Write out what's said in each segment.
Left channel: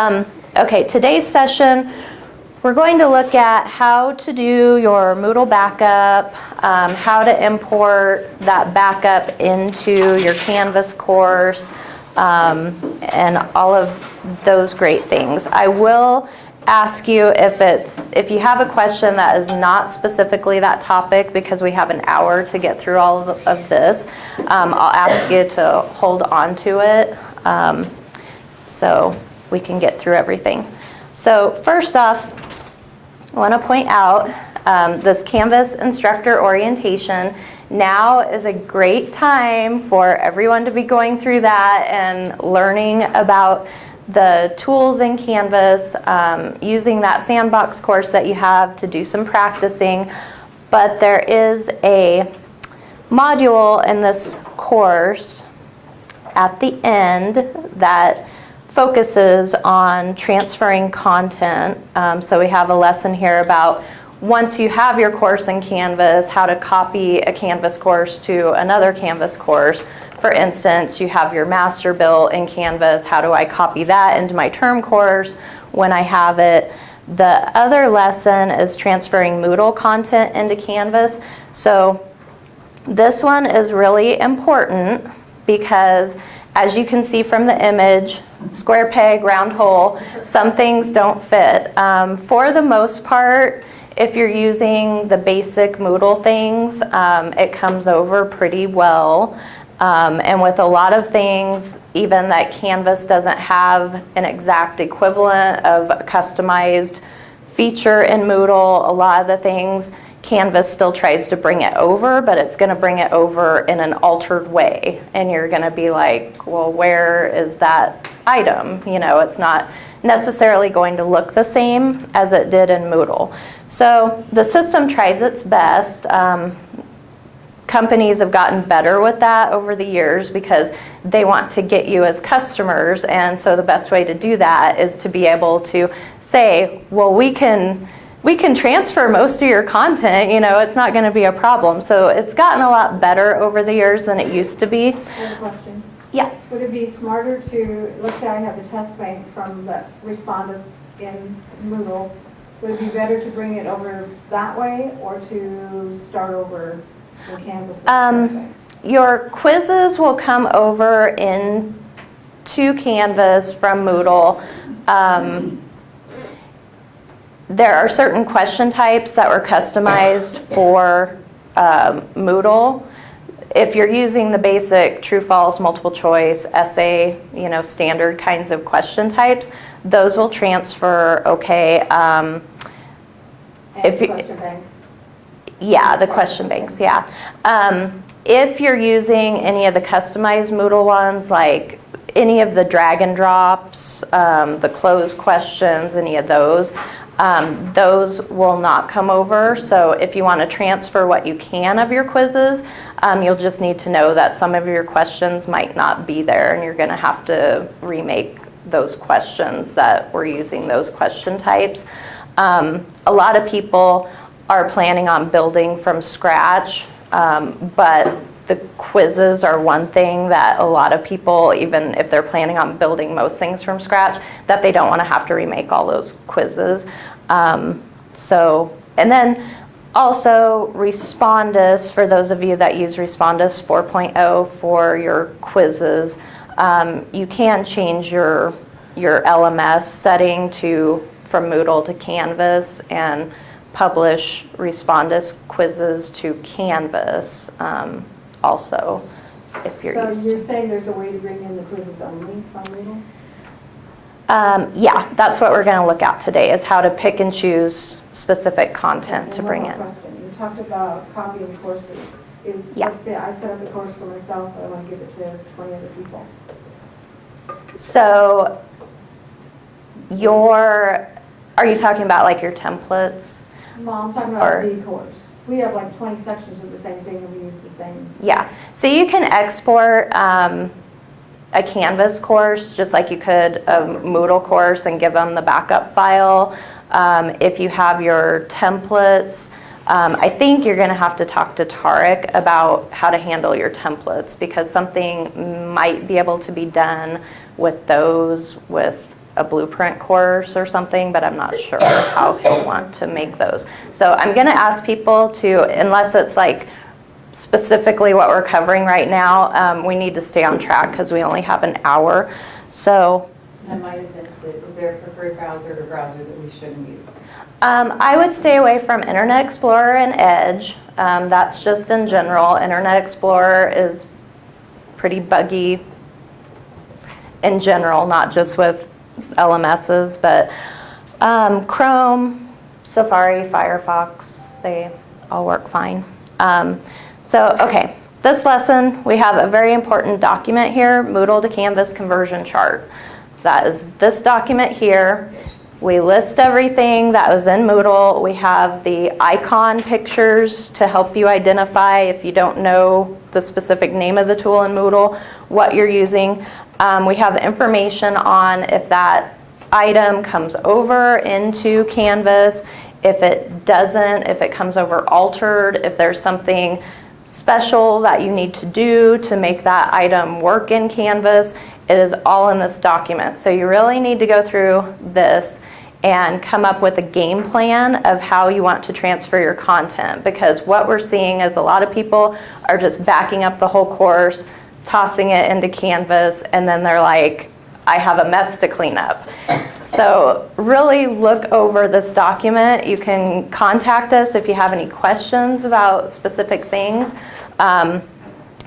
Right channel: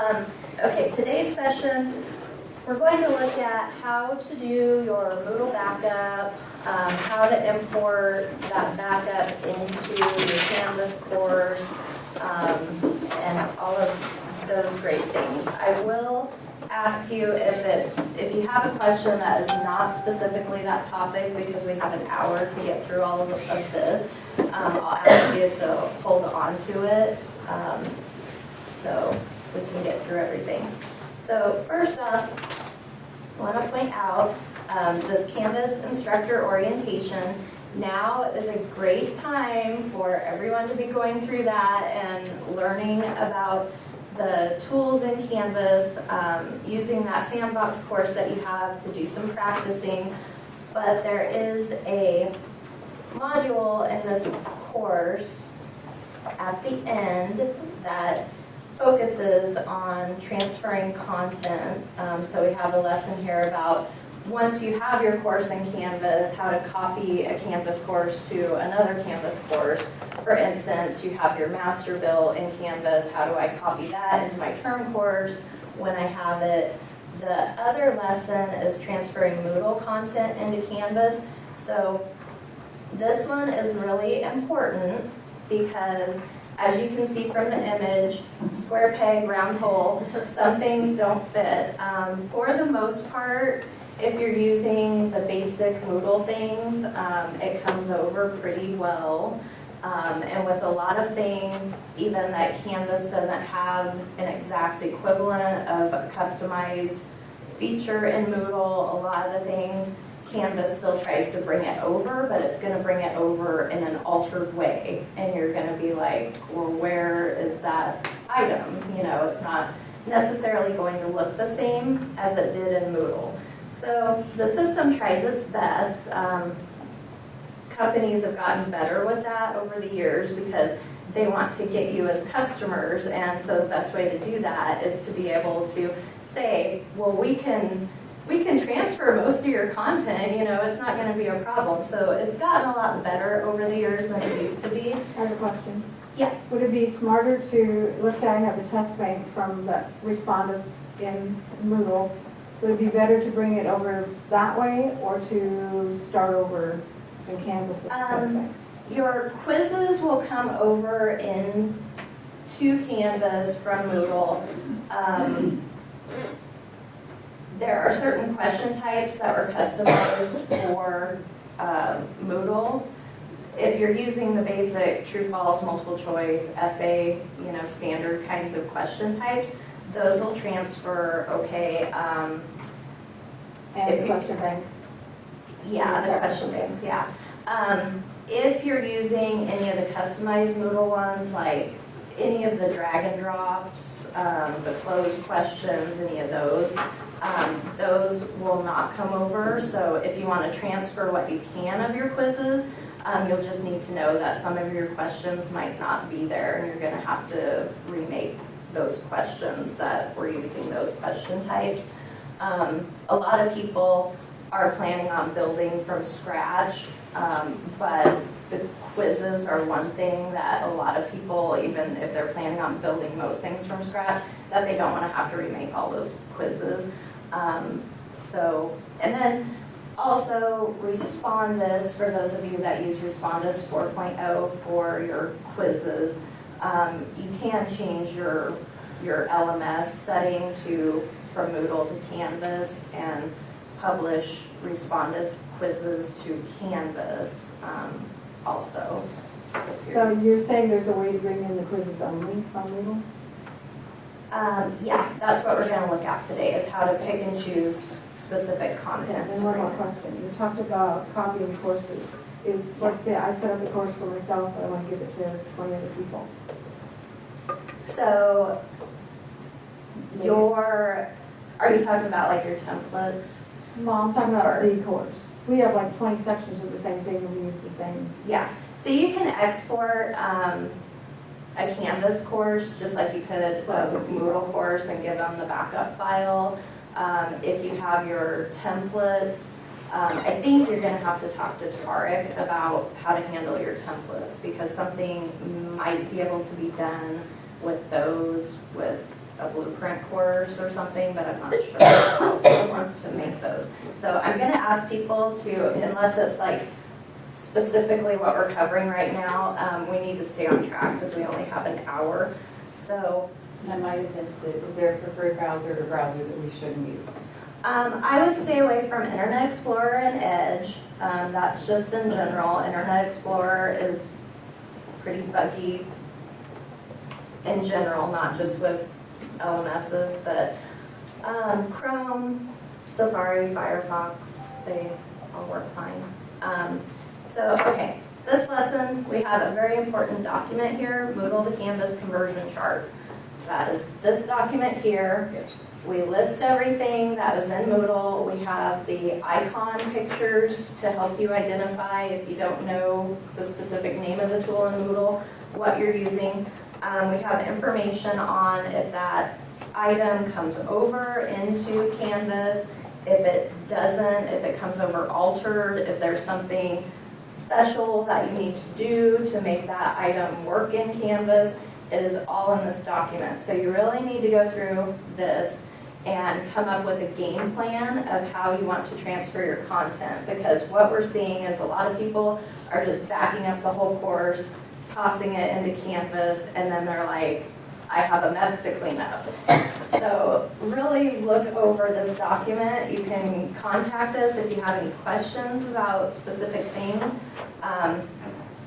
Okay, today's session, we're going to look at how to do your Moodle backup, how to import that backup into your Canvas course, and all of those great things. I will ask you if you have a question that is not specifically that topic, because we have an hour to get through all of this, I'll ask you to hold on to it so we can get through everything. So first off, I want to point out this Canvas instructor orientation. Now is a great time for everyone to be going through that and learning about the tools in Canvas, using that sandbox course that you have to do some practicing. But there is a module in this course at the end that focuses on transferring content. So we have a lesson here about once you have your course in Canvas, how to copy a Canvas course to another Canvas course. For instance, you have your master built in Canvas. How do I copy that into my term course when I have it? The other lesson is transferring Moodle content into Canvas. So this one is really important because, as you can see from the image, square peg, round hole, some things don't fit. For the most part, if you're using the basic Moodle things, it comes over pretty well. And with a lot of things, even that Canvas doesn't have an exact equivalent of a customized feature in Moodle, a lot of the things Canvas still tries to bring it over, but it's going to bring it over in an altered way. And you're going to be like, well, where is that item? You know, it's not necessarily going to look the same as it did in Moodle. So the system tries its best. Companies have gotten better with that over the years because they want to get you as customers. And so the best way to do that is to be able to say, well, we can transfer most of your content, you know, it's not going to be a problem. So it's gotten a lot better over the years than it used to be. I have a question. Yeah. Would it be smarter to, let's say I have a test bank from the Respondus in Moodle, would it be better to bring it over that way or to start over in Canvas? Your quizzes will come over into Canvas from Moodle. There are certain question types that were customized for Moodle. If you're using the basic true, false, multiple choice, essay, you know, standard kinds of question types, those will transfer okay. And the question bank? Yeah, the question banks, yeah. If you're using any of the customized Moodle ones, like any of the drag and drops, the closed questions, any of those will not come over. So if you want to transfer what you can of your quizzes, you'll just need to know that some of your questions might not be there, and you're going to have to remake those questions that were using those question types. A lot of people are planning on building from scratch, but the quizzes are one thing that a lot of people, even if they're planning on building most things from scratch, that they don't want to have to remake all those quizzes. And then also Respondus, for those of you that use Respondus 4.0 for your quizzes, you can change your LMS setting from Moodle to Canvas and publish Respondus quizzes to Canvas also. If you're so you're saying there's a way to bring in the quizzes only from Moodle? Yeah, that's what we're going to look at today, is how to pick and choose specific content to bring in. Question. You talked about copying courses. Let's say I set up a course for myself, but I want to give it to 20 other people. So are you talking about like your templates? No, I'm talking about the course. We have like 20 sections of the same thing and we use the same. Yeah, so you can export a Canvas course just like you could a Moodle course and give them the backup file. If you have your templates, I think you're going to have to talk to Tarek about how to handle your templates, because something might be able to be done with those with a blueprint course or something, but I'm not sure how you want to make those. So I'm gonna ask people to, unless it's like specifically what we're covering right now, we need to stay on track because we only have an hour. So I might have missed it. Is there a preferred browser or browser that we shouldn't use? I would stay away from Internet Explorer and Edge. That's just in general. Internet Explorer is pretty buggy in general, not just with LMSs, but Chrome, Safari, Firefox, they all work fine. Okay, this lesson, we have a very important document here, Moodle to Canvas conversion chart. That is this document here. We list everything that was in Moodle. We have the icon pictures to help you identify, if you don't know the specific name of the tool in Moodle, what you're using. We have information on if that item comes over into Canvas, if it doesn't, if it comes over altered, if there's something special that you need to do to make that item work in Canvas. It is all in this document. So you really need to go through this and come up with a game plan of how you want to transfer your content, because what we're seeing is a lot of people are just backing up the whole course, tossing it into Canvas, and then they're like, I have a mess to clean up. So really look over this document. You can contact us if you have any questions about specific things,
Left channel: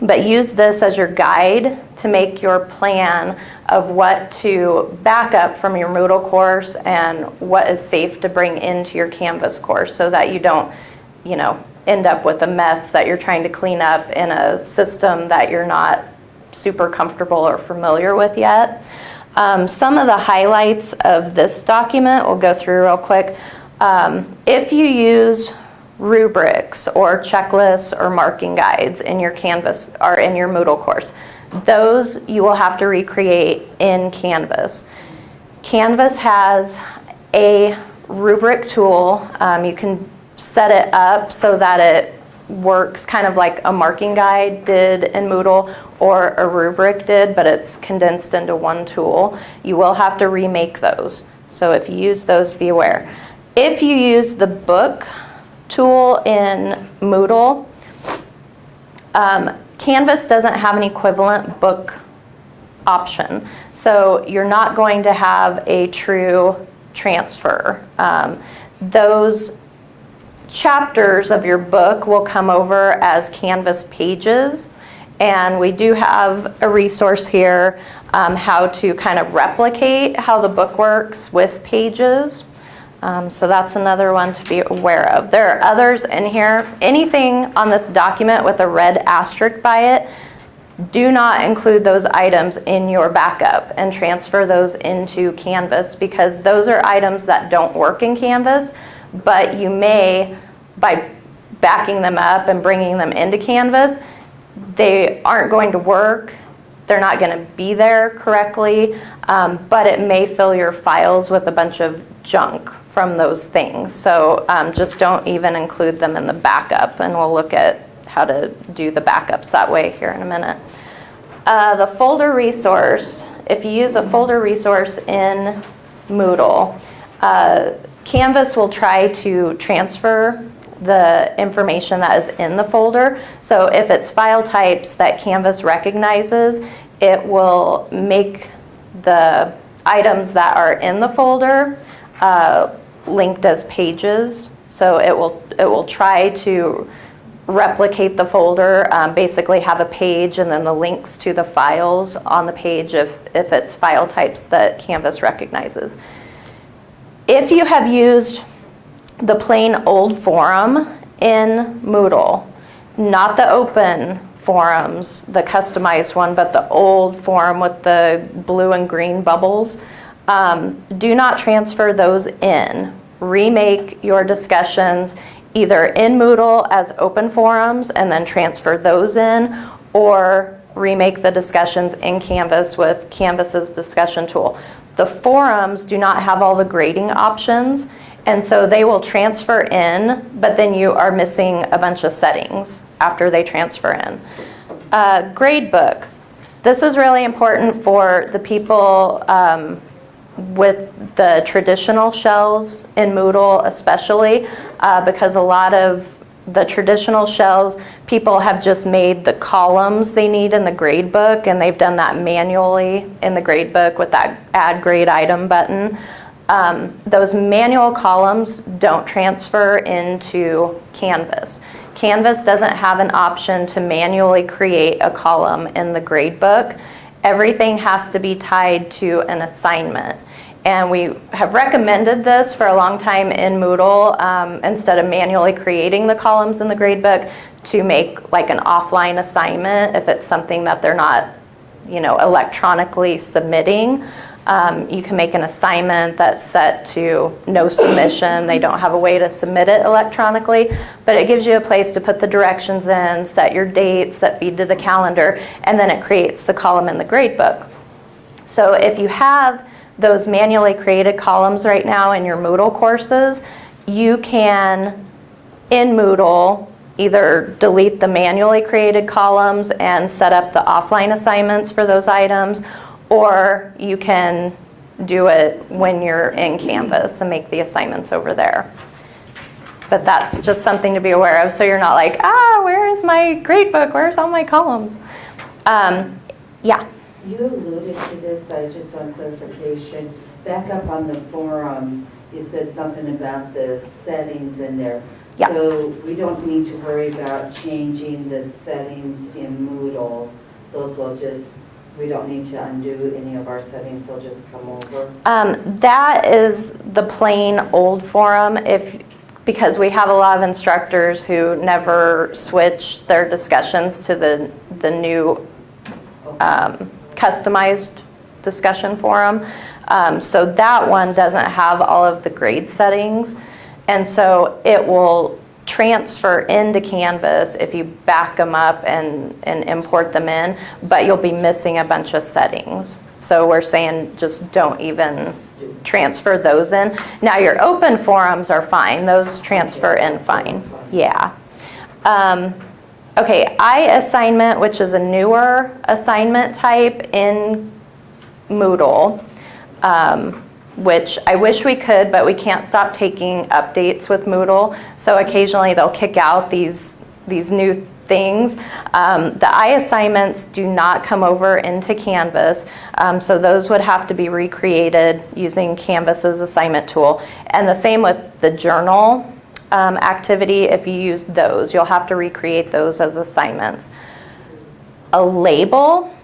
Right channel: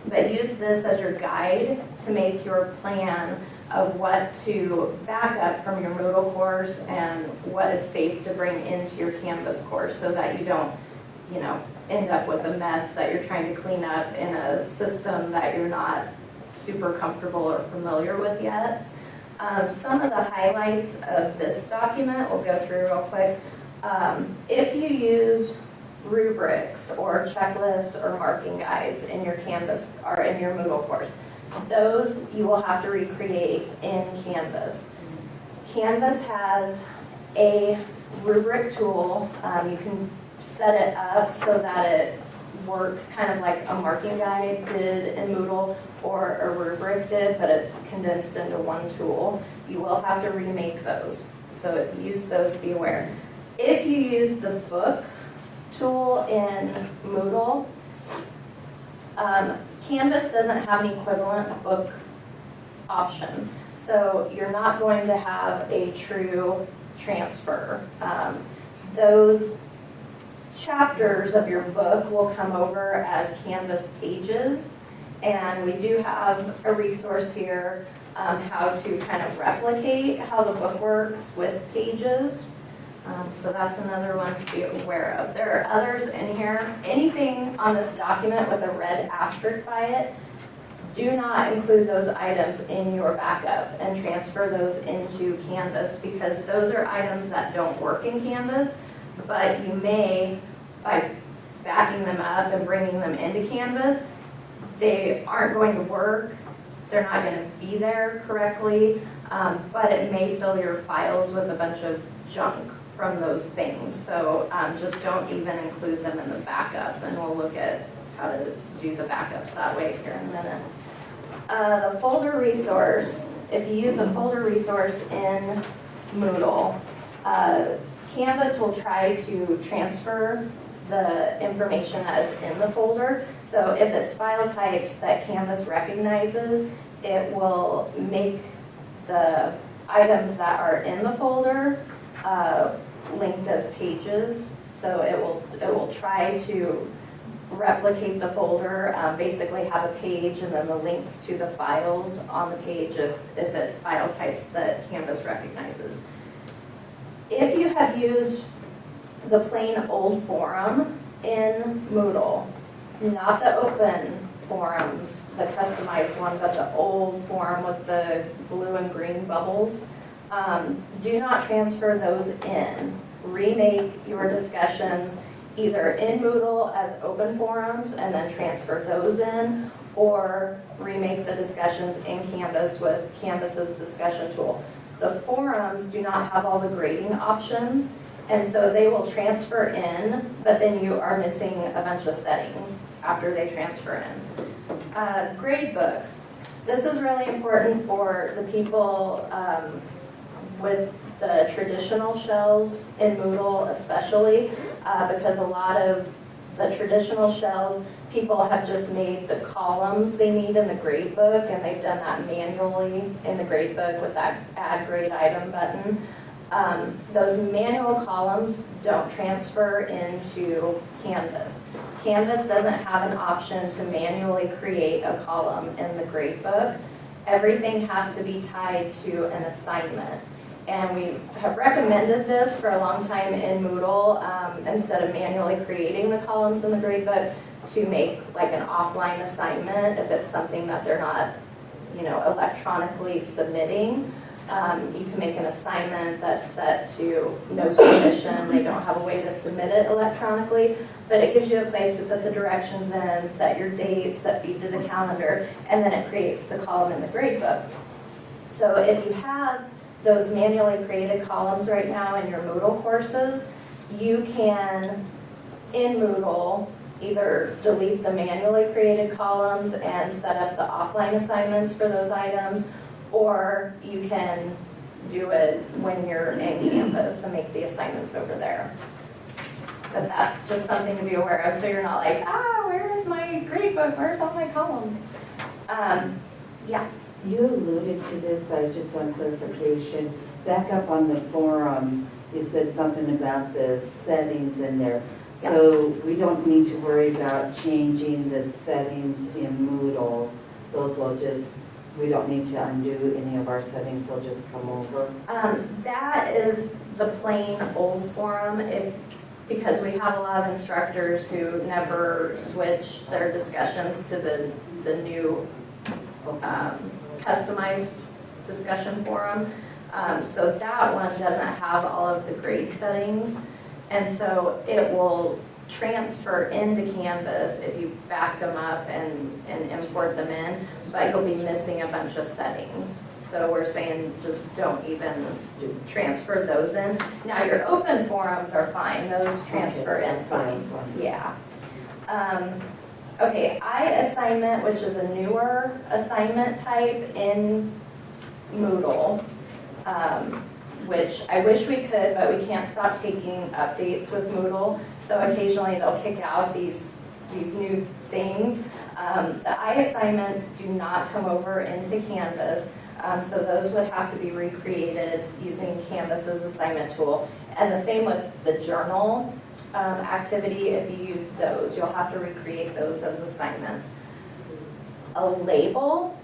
but use this as your guide to make your plan of what to back up from your Moodle course and what is safe to bring into your Canvas course, so that you don't, end up with a mess that you're trying to clean up in a system that you're not super comfortable or familiar with yet. Some of the highlights of this document we'll go through real quick. If you use rubrics or checklists or marking guides in your Canvas or in your Moodle course, those you will have to recreate in Canvas. Canvas has a rubric tool. You can set it up so that it works kind of like a marking guide did in Moodle or a rubric did, but it's condensed into one tool. You will have to remake those. So if you use those, be aware. If you use the book tool in Moodle, Canvas doesn't have an equivalent book option. So you're not going to have a true transfer. Those chapters of your book will come over as Canvas pages, and we do have a resource here how to kind of replicate how the book works with pages. So that's another one to be aware of. There are others in here. Anything on this document with a red asterisk by it, do not include those items in your backup and transfer those into Canvas, because those are items that don't work in Canvas, but you may, by backing them up and bringing them into Canvas, they aren't going to work. They're not going to be there correctly, but it may fill your files with a bunch of junk from those things. So just don't even include them in the backup, and we'll look at how to do the backups that way here in a minute. The folder resource, if you use a folder resource in Moodle, Canvas will try to transfer the information that is in the folder. So if it's file types that Canvas recognizes, it will make the items that are in the folder linked as pages. So it will try to replicate the folder, basically have a page and then the links to the files on the page if it's file types that Canvas recognizes. If you have used the plain old forum in Moodle, not the open forums, the customized one, but the old forum with the blue and green bubbles, do not transfer those in. Remake your discussions either in Moodle as open forums and then transfer those in, or remake the discussions in Canvas with Canvas's discussion tool. The forums do not have all the grading options, and so they will transfer in, but then you are missing a bunch of settings after they transfer in. Gradebook. This is really important for the people with the traditional shells in Moodle especially, because a lot of the traditional shells, people have just made the columns they need in the grade book, and they've done that manually in the grade book with that add grade item button. Those manual columns don't transfer into Canvas. Canvas doesn't have an option to manually create a column in the grade book. Everything has to be tied to an assignment. And we have recommended this for a long time in Moodle, instead of manually creating the columns in the gradebook, to make like an offline assignment if it's something that they're not, electronically submitting. You can make an assignment that's set to no submission. They don't have a way to submit it electronically, but it gives you a place to put the directions in, set your dates that feed to the calendar, and then it creates the column in the gradebook. So if you have those manually created columns right now in your Moodle courses, you can, in Moodle, either delete the manually created columns and set up the offline assignments for those items, or you can do it when you're in Canvas and make the assignments over there. But that's just something to be aware of, so you're not like, where is my gradebook? Where's all my columns? Yeah. You alluded to this, but I just want clarification. Back up on the forums, you said something about the settings in there. Yeah. So we don't need to worry about changing the settings in Moodle. Those will just, we don't need to undo any of our settings, they'll just come over. That is the plain old forum, because we have a lot of instructors who never switched their discussions to the new customized discussion forum. So that one doesn't have all of the grade settings, and so it will transfer into Canvas if you back them up and import them in, but you'll be missing a bunch of settings. So we're saying just don't even transfer those in. Now your open forums are fine, those transfer in fine. Yeah. Okay, iAssignment, which is a newer assignment type in Moodle, which I wish we could, but we can't stop taking updates with Moodle. So occasionally they'll kick out these new things. The iAssignments do not come over into Canvas, so those would have to be recreated using Canvas's assignment tool. And the same with the journal activity. If you use those, you'll have to recreate those as assignments. A label,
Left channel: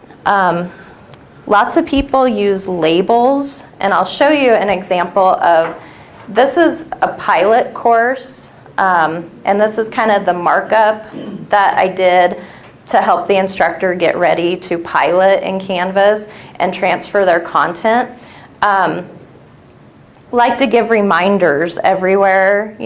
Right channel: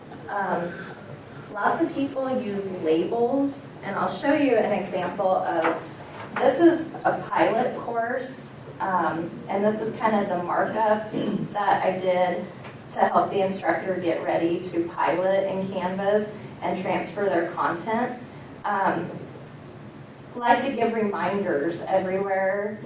lots of people use labels, and I'll show you an example of, this is a pilot course, and this is kind of the markup that I did to help the instructor get ready to pilot in Canvas and transfer their content. Like to give reminders everywhere,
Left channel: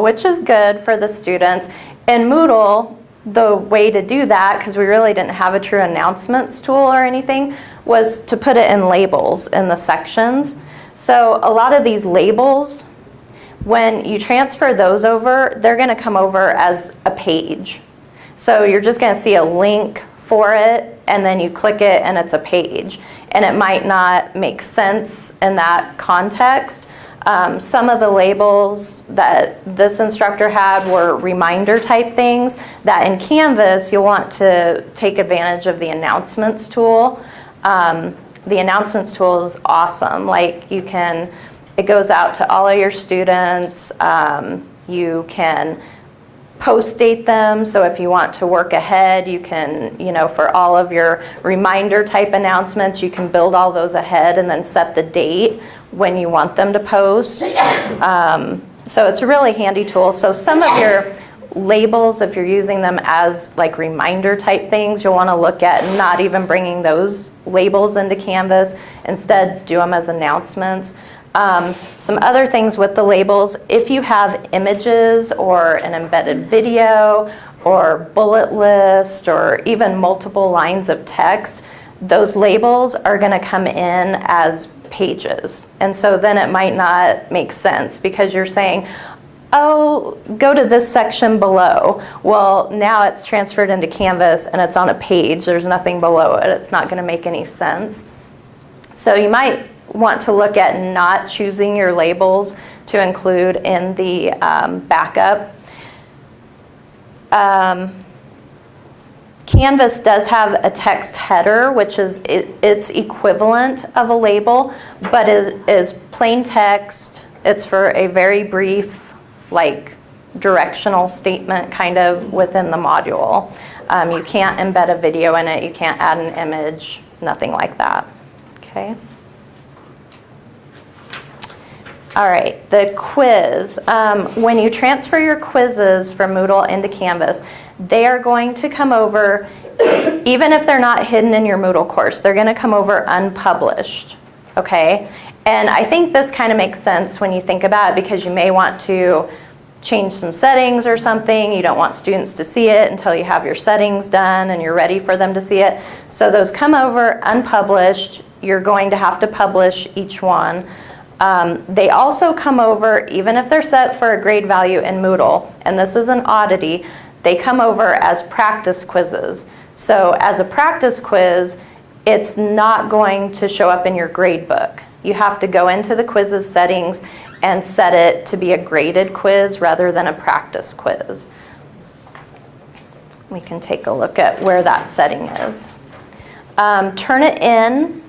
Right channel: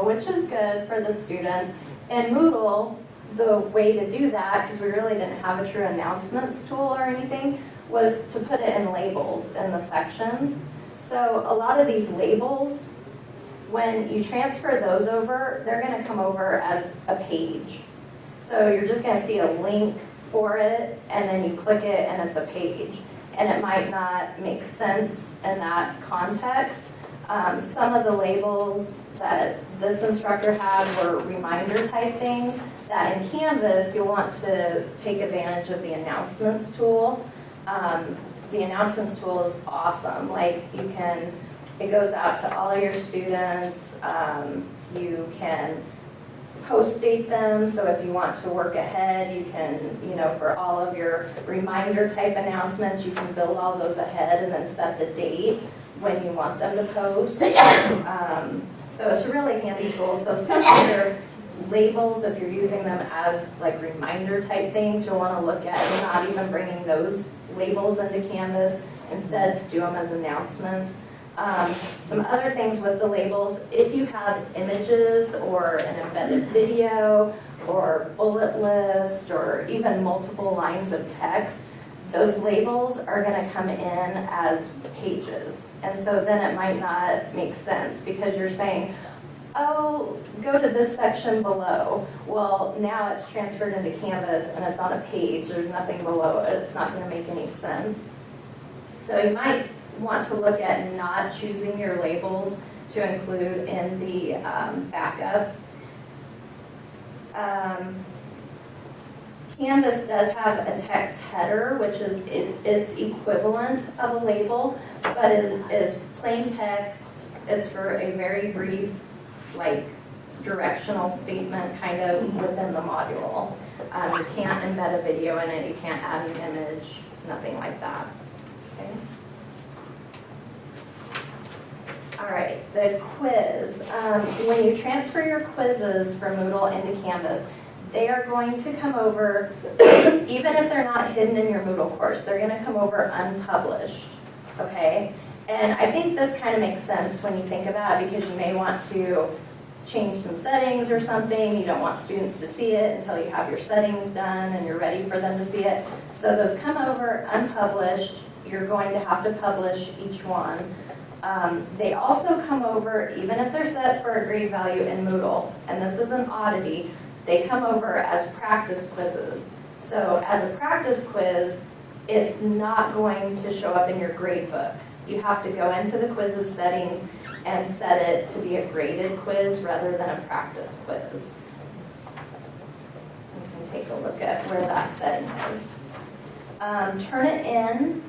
which is good for the students. In Moodle, the way to do that, because we really didn't have a true announcements tool or anything, was to put it in labels in the sections. So a lot of these labels, when you transfer those over, they're going to come over as a page. So you're just going to see a link for it, and then you click it and it's a page. And it might not make sense in that context. Some of the labels that this instructor had were reminder type things that in Canvas you'll want to take advantage of the announcements tool. The announcements tool is awesome. Like it goes out to all of your students. You can post date them, so if you want to work ahead, you can, for all of your reminder type announcements, you can build all those ahead and then set the date when you want them to post. So it's a really handy tool. So some of your labels, if you're using them as like reminder type things, you'll want to look at not even bringing those labels into Canvas. Instead, do them as announcements. Some other things with the labels, if you have images or an embedded video or bullet list or even multiple lines of text, those labels are going to come in as pages. And so then it might not make sense because you're saying, oh, go to this section below. Well, now it's transferred into Canvas and it's on a page. There's nothing below it. It's not going to make any sense. So you might want to look at not choosing your labels to include in the backup. Canvas does have a text header, which is its equivalent of a label, but is plain text. It's for a very brief, like, directional statement kind of within the module. You can't embed a video in it, you can't add an image, nothing like that, okay? All right, the quiz. When you transfer your quizzes from Moodle into Canvas, they are going to come over, even if they're not hidden in your Moodle course, they're going to come over unpublished, okay? And I think this kind of makes sense when you think about it, because you may want to change some settings or something. You don't want students to see it until you have your settings done and you're ready for them to see it. So those come over unpublished. You're going to have to publish each one. They also come over, even if they're set for a grade value in Moodle, and this is an oddity, they come over as practice quizzes. So as a practice quiz, it's not going to show up in your grade book. You have to go into the quizzes settings and set it to be a graded quiz rather than a practice quiz. We can take a look at where that setting is. Turnitin,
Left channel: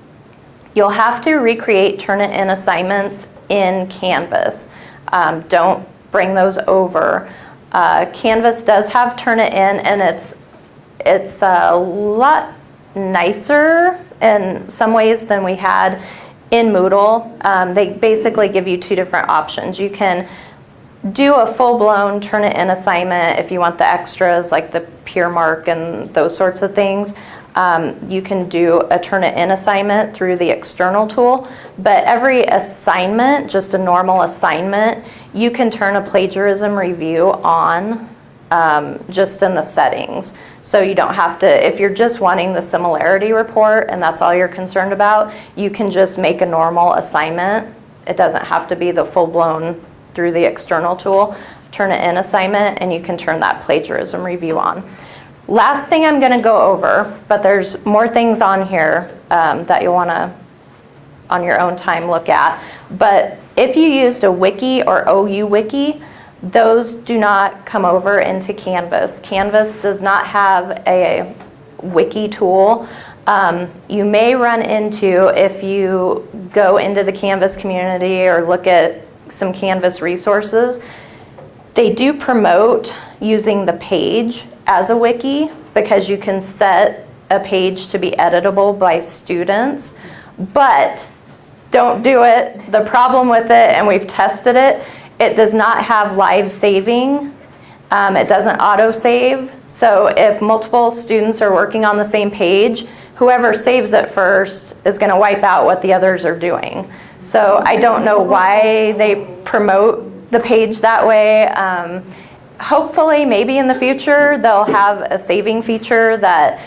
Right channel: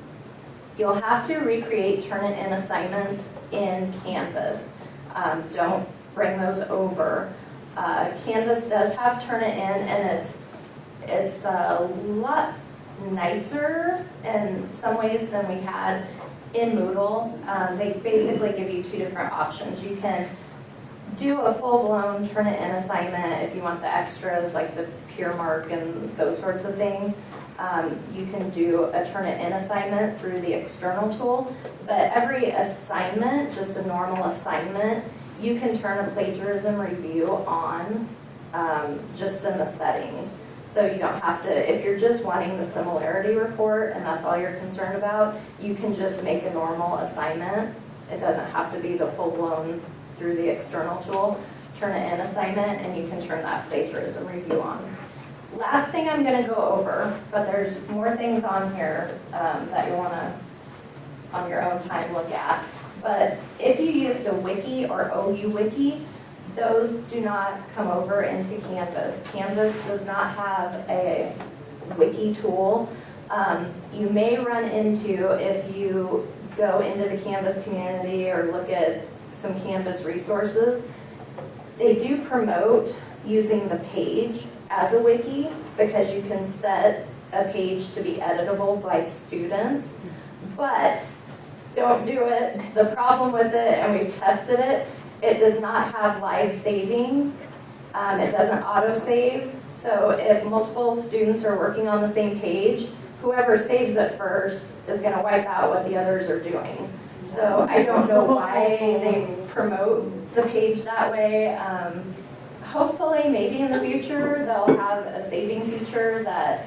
you'll have to recreate Turnitin assignments in Canvas. Don't bring those over. Canvas does have Turnitin, and it's a lot nicer in some ways than we had in Moodle. They basically give you two different options. You can do a full-blown Turnitin assignment if you want the extras like the peer mark and those sorts of things. You can do a Turnitin assignment through the external tool, but every assignment, just a normal assignment, you can turn a plagiarism review on just in the settings. So you don't have to, if you're just wanting the similarity report and that's all you're concerned about, you can just make a normal assignment. It doesn't have to be the full-blown through the external tool. Turnitin assignment, and you can turn that plagiarism review on. Last thing I'm going to go over, but there's more things on here that you want to, on your own time, look at. But if you used a Wiki or OU Wiki, those do not come over into Canvas. Canvas does not have a Wiki tool. You may run into, if you go into the Canvas community or look at some Canvas resources, they do promote using the page as a wiki because you can set a page to be editable by students, but don't do it. The problem with it, and we've tested it, it does not have live saving. It doesn't auto-save. So if multiple students are working on the same page, whoever saves it first is going to wipe out what the others are doing. So I don't know why they promote the page that way. Hopefully, maybe in the future, they'll have a saving feature that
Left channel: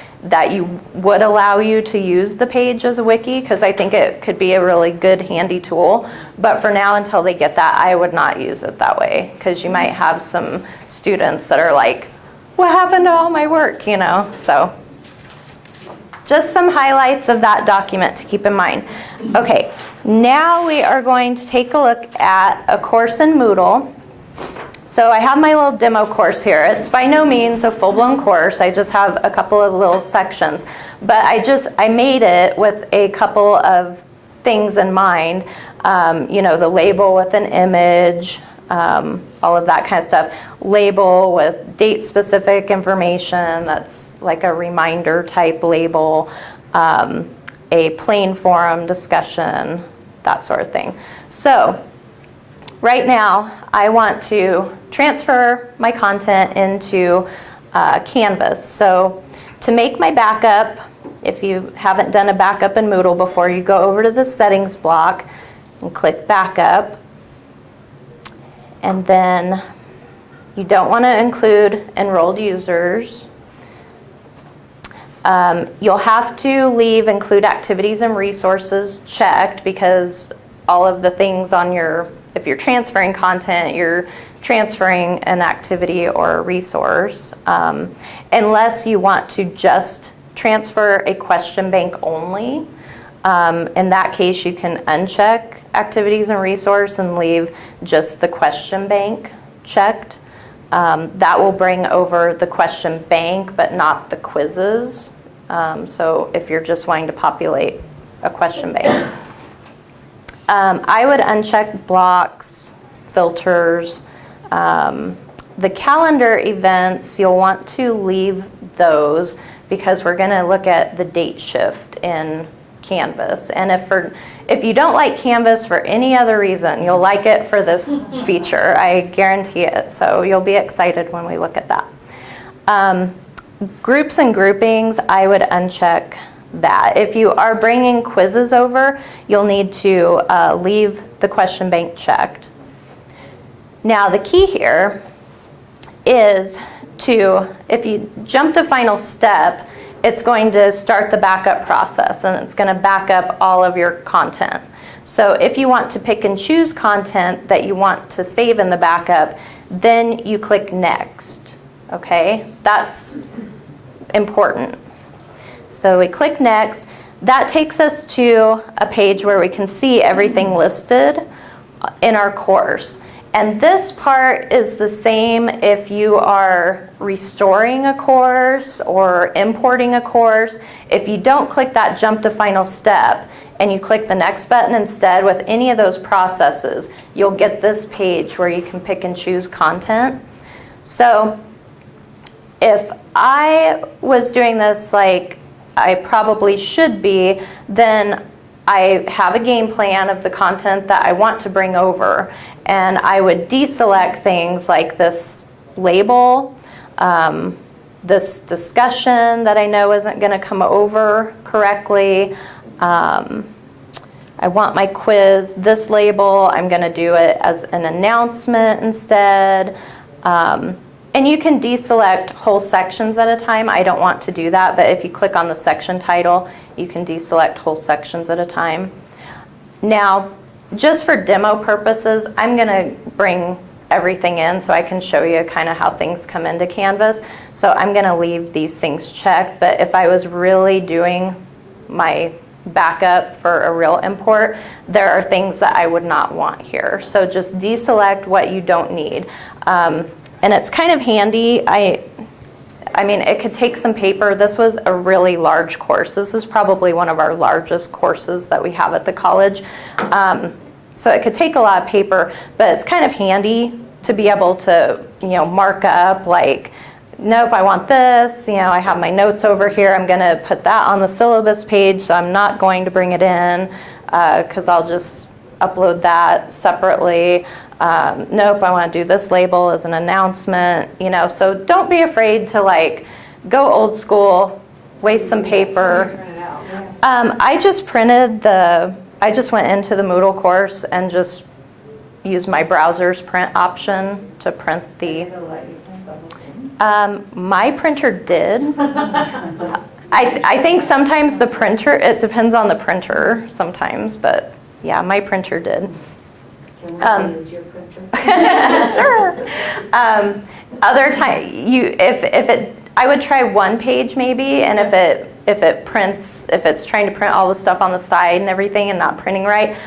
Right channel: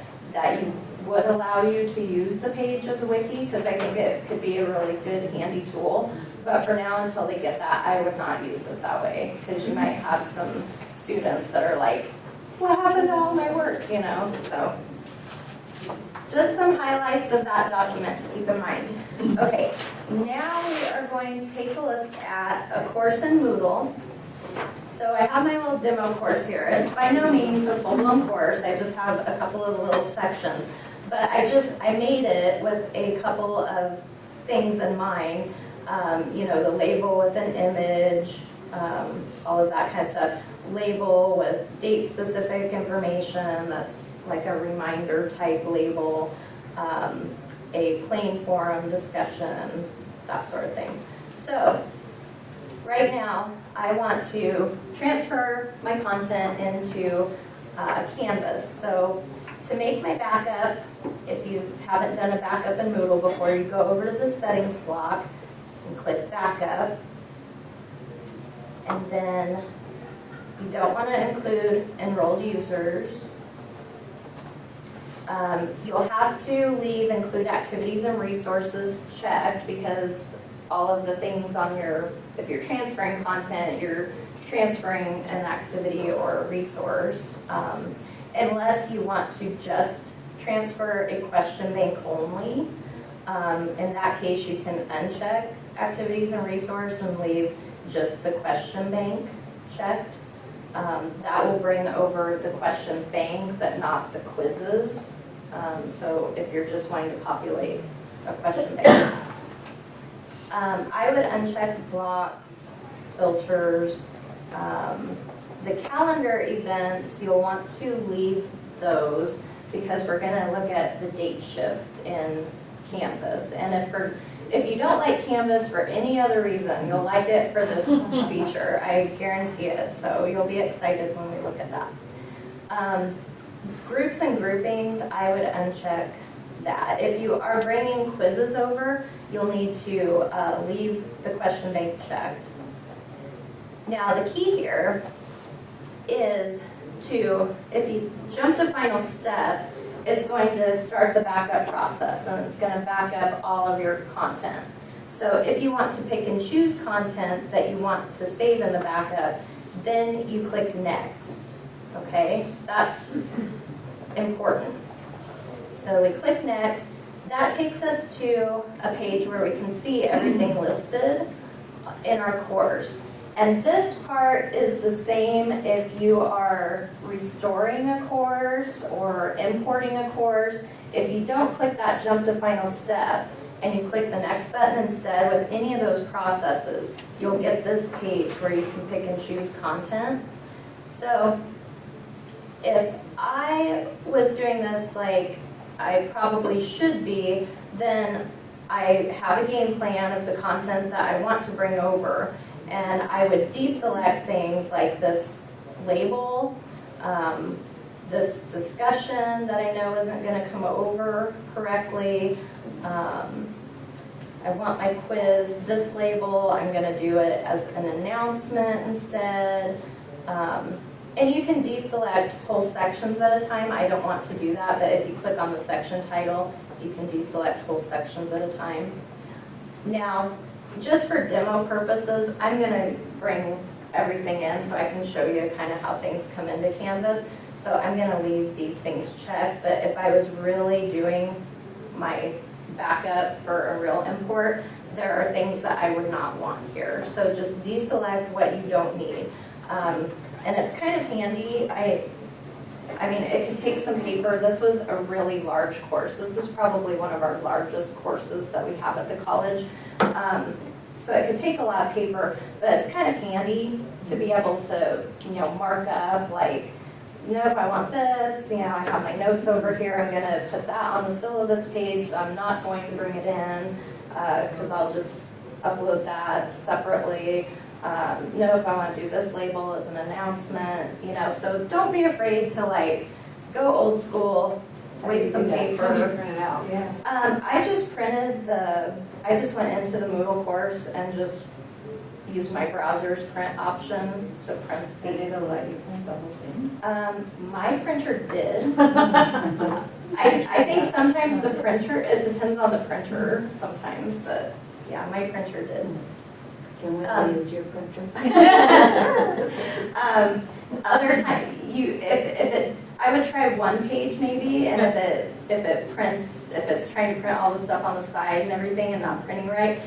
would allow you to use the page as a wiki, because I think it could be a really good, handy tool. But for now, until they get that, I would not use it that way, because you might have some students that are like, what happened to all my work, you know? So just some highlights of that document to keep in mind. Okay, now we are going to take a look at a course in Moodle. So I have my little demo course here. It's by no means a full-blown course. I just have a couple of little sections. But I made it with a couple of things in mind. You know, the label with an image, all of that kind of stuff. Label with date-specific information, that's like a reminder type label. A plain forum discussion, that sort of thing. So right now, I want to transfer my content into Canvas. So to make my backup, if you haven't done a backup in Moodle before, you go over to the settings block and click backup. And then you don't want to include enrolled users. You'll have to leave include activities and resources checked, because all of the things on your, if you're transferring content, you're transferring an activity or a resource, unless you want to just transfer a question bank only. In that case, you can uncheck activities and resource and leave just the question bank checked. That will bring over the question bank, but not the quizzes. So if you're just wanting to populate a question bank. I would uncheck blocks, filters. The calendar events, you'll want to leave those because we're going to look at the date shift in Canvas. And if you don't like Canvas for any other reason, you'll like it for this feature. I guarantee it. So you'll be excited when we look at that. Groups and groupings, I would uncheck that. If you are bringing quizzes over, you'll need to leave the question bank checked. Now the key here is if you jump to final step, it's going to start the backup process and it's going to back up all of your content. So if you want to pick and choose content that you want to save in the backup, then you click next, okay? That's important. So we click next. That takes us to a page where we can see everything listed in our course. And this part is the same if you are restoring a course or importing a course. If you don't click that jump to final step and you click the next button instead with any of those processes, you'll get this page where you can pick and choose content. So if I was doing this like I probably should be, then I have a game plan of the content that I want to bring over, and I would deselect things like this label, this discussion that I know isn't going to come over correctly. I want my quiz, this label, I'm going to do it as an announcement instead. And you can deselect whole sections at a time. I don't want to do that, but if you click on the section title, you can deselect whole sections at a time. Now, just for demo purposes, I'm going to bring everything in so I can show you kind of how things come into Canvas. So I'm going to leave these things checked, but if I was really doing my backup for a real import, there are things that I would not want here. So just deselect what you don't need. And it's kind of handy. I mean, it could take some paper. This was a really large course. This is probably one of our largest courses that we have at the college. So it could take a lot of paper, but it's kind of handy to be able to, mark up like, nope, I want this. I have my notes over here. I'm going to put that on the syllabus page, so I'm not going to bring it in because I'll just upload that separately. Nope, I want to do this label as an announcement, so don't be afraid to go old school, waste some paper. I just went into the Moodle course and just used my browser's print option to print the, my printer did. I think sometimes the printer, it depends on the printer sometimes, but yeah, my printer did. Can we use your printer? Sure. Other time, I would try one page maybe, and if it's trying to print all the stuff on the side and everything and not printing right,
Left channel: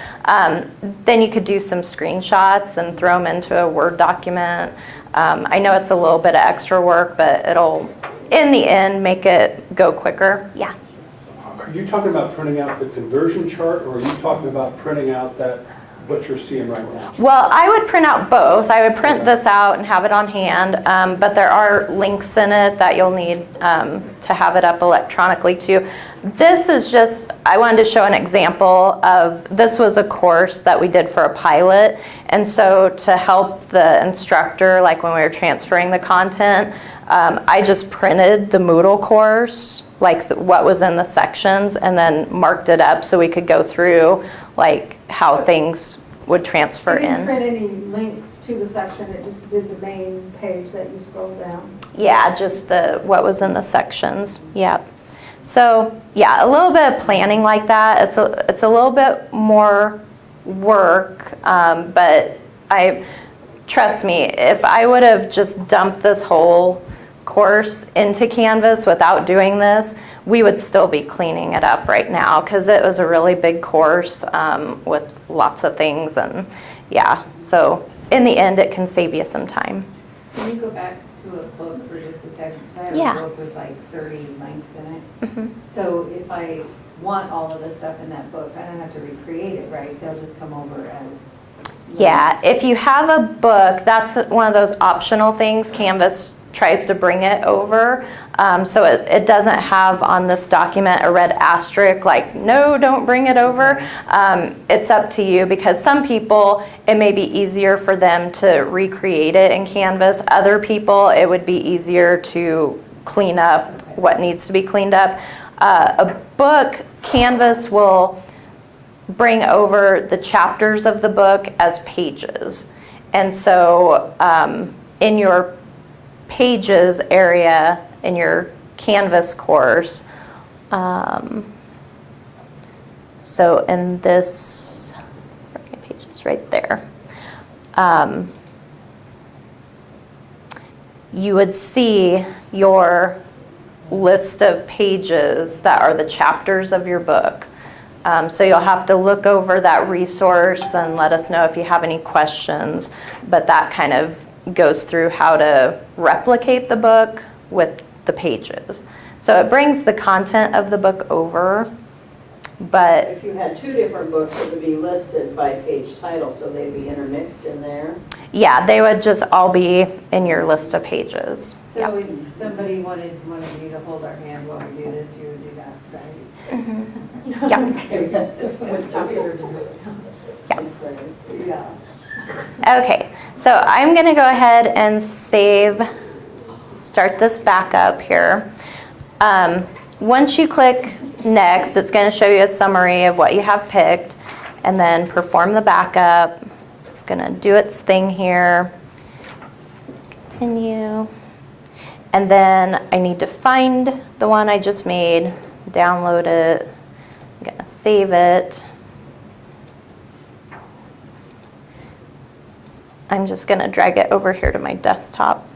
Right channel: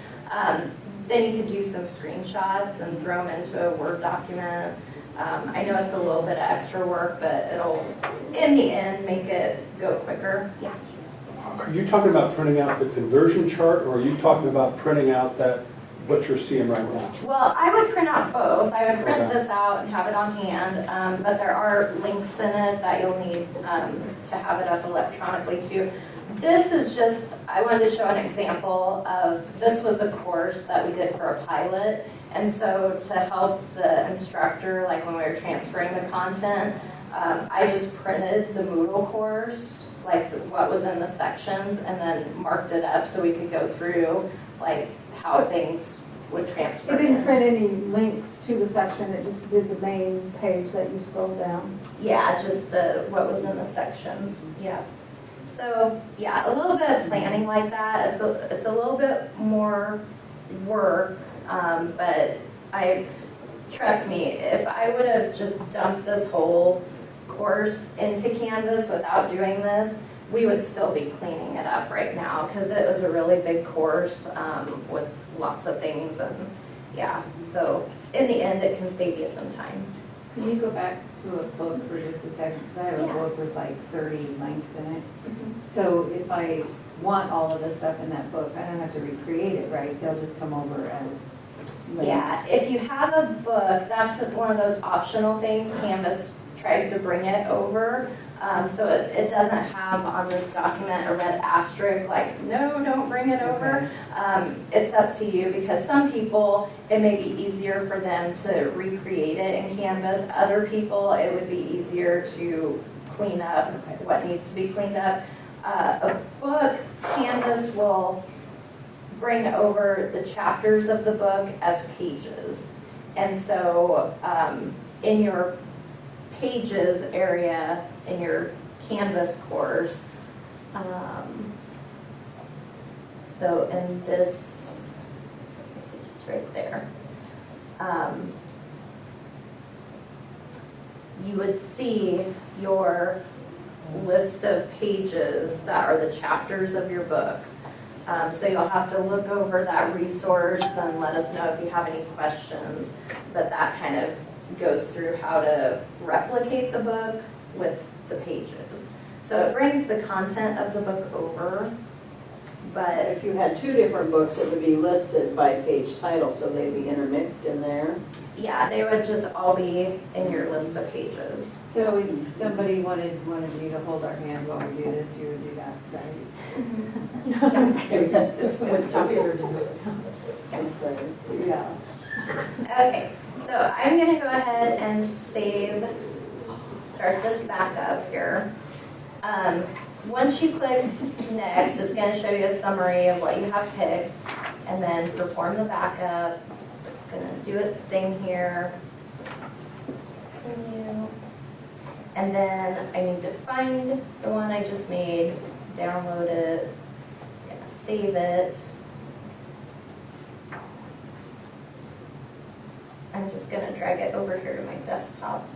then you could do some screenshots and throw them into a Word document. I know it's a little bit of extra work, but it'll, in the end, make it go quicker. Yeah. Are you talking about printing out the conversion chart, or are you talking about printing out what you're seeing right now? Well, I would print out both. I would print this out and have it on hand, but there are links in it that you'll need to have it up electronically too. This is just, I wanted to show an example of, this was a course that we did for a pilot, and so to help the instructor, like when we were transferring the content, I just printed the Moodle course, what was in the sections, and then marked it up so we could go through how things would transfer in. You didn't print any links to the section, it just did the main page that you scroll down. Yeah, just what was in the sections, yeah. So yeah, a little bit of planning like that. It's a little bit more work, but trust me, if I would have just dumped this whole course into Canvas without doing this, we would still be cleaning it up right now because it was a really big course with lots of things, and yeah, so in the end it can save you some time. Can you go back to a book for just a second? Because I have Yeah. a book with like 30 links in it. Mhm. So if I want all of the stuff in that book, I don't have to recreate it, right? They'll just come over as Yeah, links. if you have a book, that's one of those optional things. Canvas tries to bring it over. So it doesn't have on this document a red asterisk like, no, don't bring it over. It's up to you because some people, it may be easier for them to recreate it in Canvas. Other people, it would be easier to clean up what needs to be cleaned up. A book, Canvas will bring over the chapters of the book as pages. And so in your pages area in your Canvas course, so in this, pages right there, you would see your list of pages that are the chapters of your book. So you'll have to look over that resource and let us know if you have any questions, but that kind of goes through how to replicate the book with the pages. So it brings the content of the book over, but If you had two different books, it would be listed by page title, so they'd be intermixed in there. yeah, they would just all be in your list of pages. So if somebody wanted you to hold our hand while we do this, you would do that, right? Yeah. Yeah. Okay, so I'm gonna go ahead and start this back up here. Once you click next, it's gonna show you a summary of what you have picked, and then perform the backup. It's gonna do its thing here. Continue. And then I need to find the one I just made, download it, I'm gonna save it. I'm just gonna drag it over here to my desktop.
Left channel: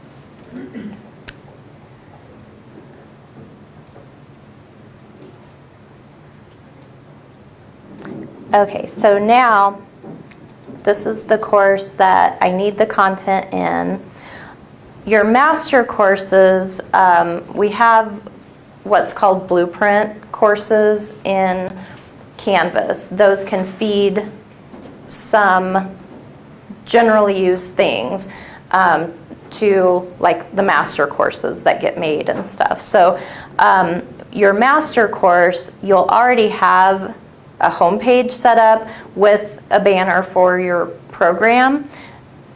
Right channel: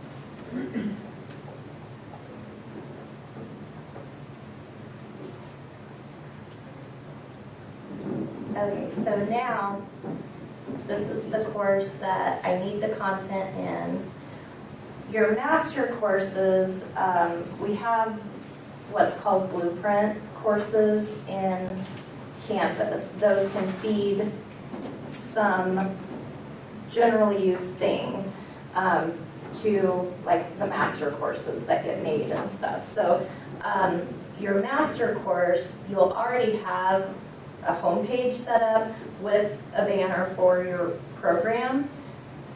Okay, so now this is the course that I need the content in. Your master courses, we have what's called blueprint courses in Canvas. Those can feed some generally used things to like the master courses that get made and stuff. So your master course, you'll already have a homepage set up with a banner for your program.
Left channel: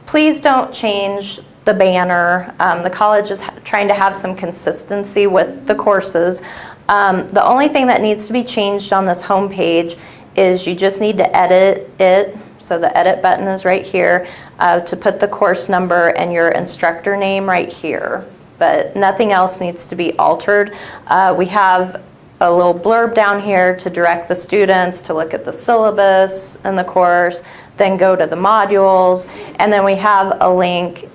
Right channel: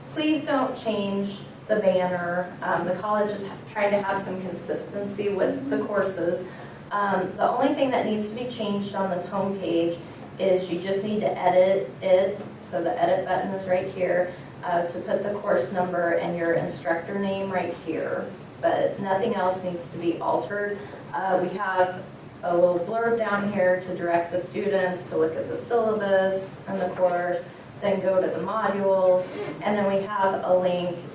Please don't change the banner. The college is trying to have some consistency with the courses. The only thing that needs to be changed on this homepage is you just need to edit it. So the edit button is right here to put the course number and your instructor name right here. But nothing else needs to be altered. We have a little blurb down here to direct the students to look at the syllabus in the course, then go to the modules, and then we have a link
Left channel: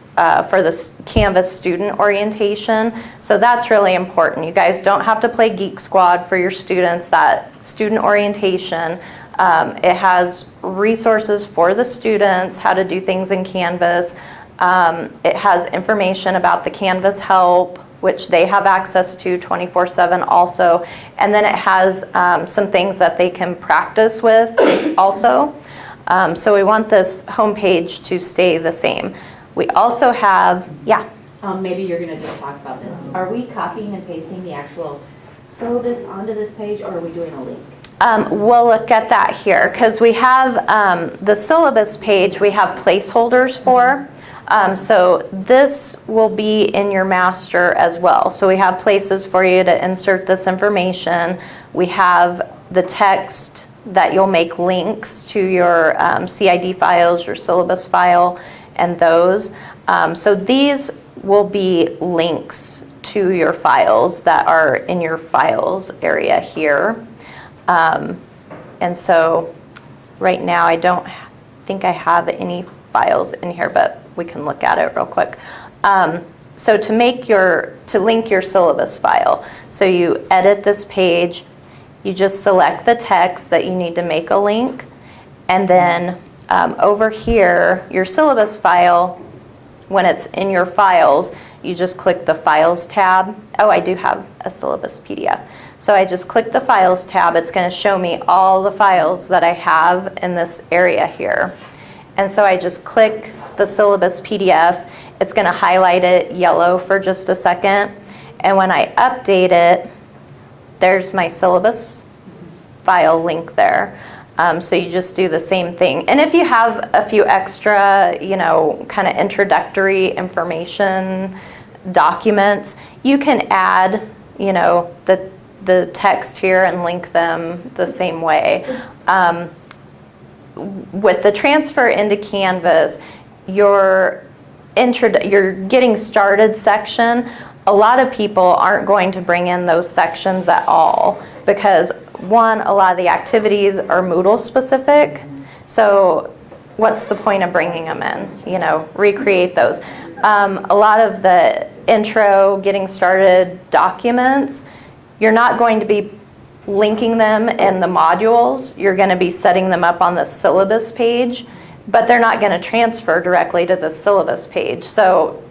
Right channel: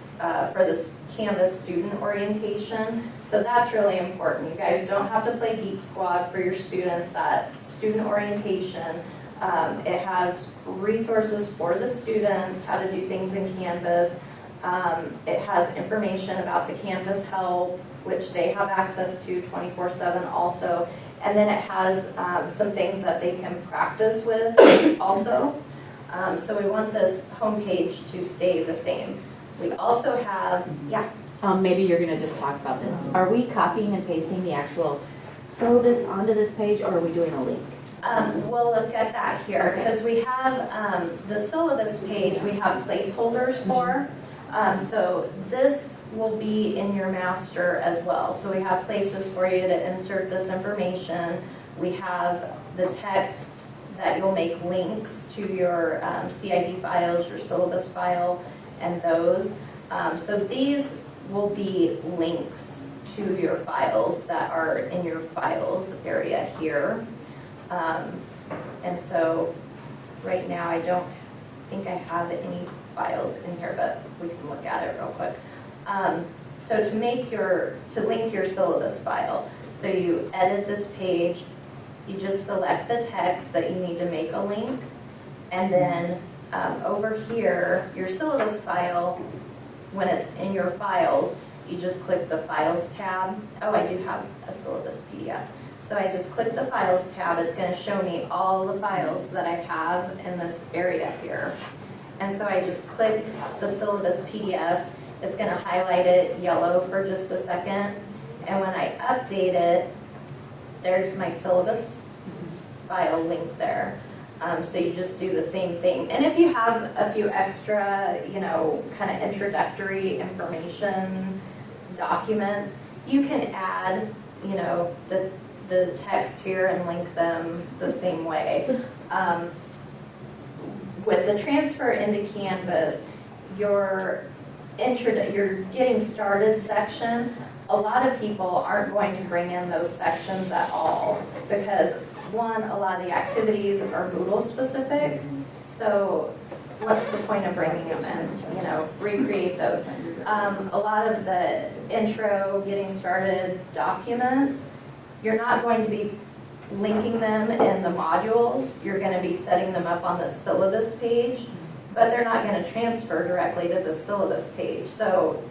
for the Canvas student orientation. So that's really important. You guys don't have to play Geek Squad for your students. That student orientation, it has resources for the students, how to do things in Canvas. It has information about the Canvas help, which they have access to 24/7 also. And then it has some things that they can practice with also. So we want this homepage to stay the same. We also have, yeah. Maybe you're going to just talk about this. Are we copying and pasting the actual syllabus onto this page, or are we doing a link? We'll look at that here because we have the syllabus page we have placeholders for. So this will be in your master as well. So we have places for you to insert this information. We have the text that you'll make links to your CID files, your syllabus file, and those. So these will be links to your files that are in your files area here. And so right now I don't think I have any files in here, but we can look at it real quick. So to link your syllabus file, so you edit this page, you just select the text that you need to make a link, and then over here, your syllabus file, when it's in your files, you just click the Files tab. Oh, I do have a syllabus PDF. So I just click the Files tab. It's going to show me all the files that I have in this area here. And so I just click the syllabus PDF. It's going to highlight it yellow for just a second. And when I update it, there's my syllabus file link there. So you just do the same thing. And if you have a few extra, kind of introductory information documents, you can add, the text here and link them the same way. With the transfer into Canvas, your getting started section, a lot of people aren't going to bring in those sections at all because one, a lot of the activities are Moodle specific. So what's the point of bringing them in? Recreate those. A lot of the intro, getting started documents, you're not going to be linking them in the modules. You're going to be setting them up on the syllabus page, but they're not going to transfer directly to the syllabus page. So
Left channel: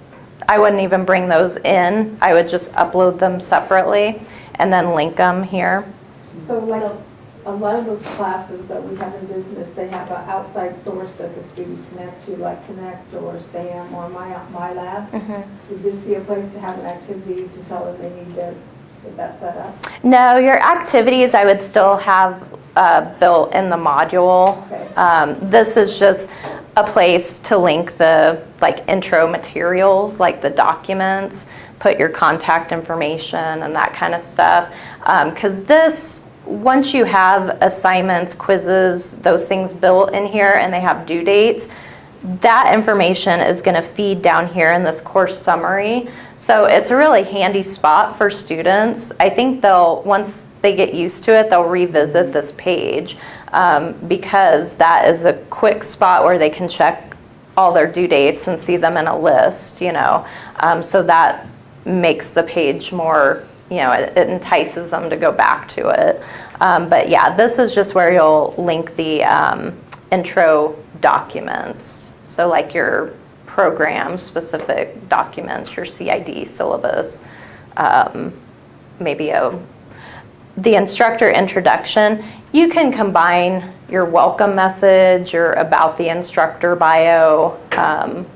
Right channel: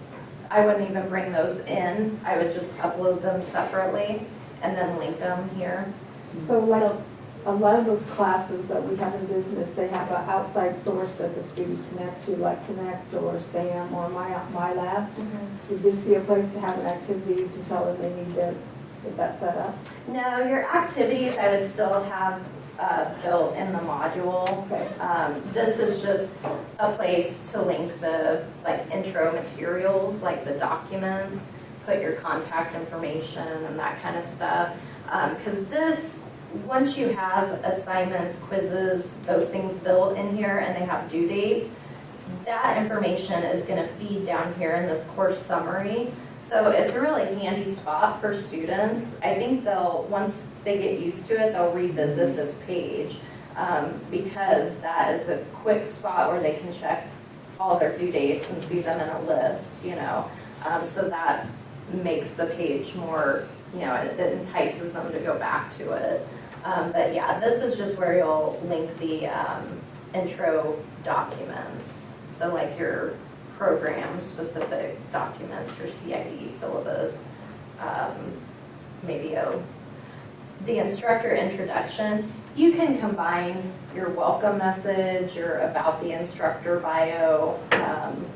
I wouldn't even bring those in. I would just upload them separately and then link them here. So like a lot of those classes that we have in business, they have an outside source that the students connect to, like Connect or SAM or My Labs. Would this be a place to have an activity to tell them they need to get that set up? No, your activities I would still have built in the module. Okay. This is just a place to link the intro materials, like the documents, put your contact information and that kind of stuff. Because once you have assignments, quizzes, those things built in here and they have due dates, that information is going to feed down here in this course summary. So it's a really handy spot for students. I think once they get used to it, they'll revisit this page because that is a quick spot where they can check all their due dates and see them in a list, so that makes the page more, it entices them to go back to it. But yeah, this is just where you'll link the intro documents. So like your program-specific documents, your CID syllabus, maybe the instructor introduction. You can combine your welcome message, your about the instructor bio,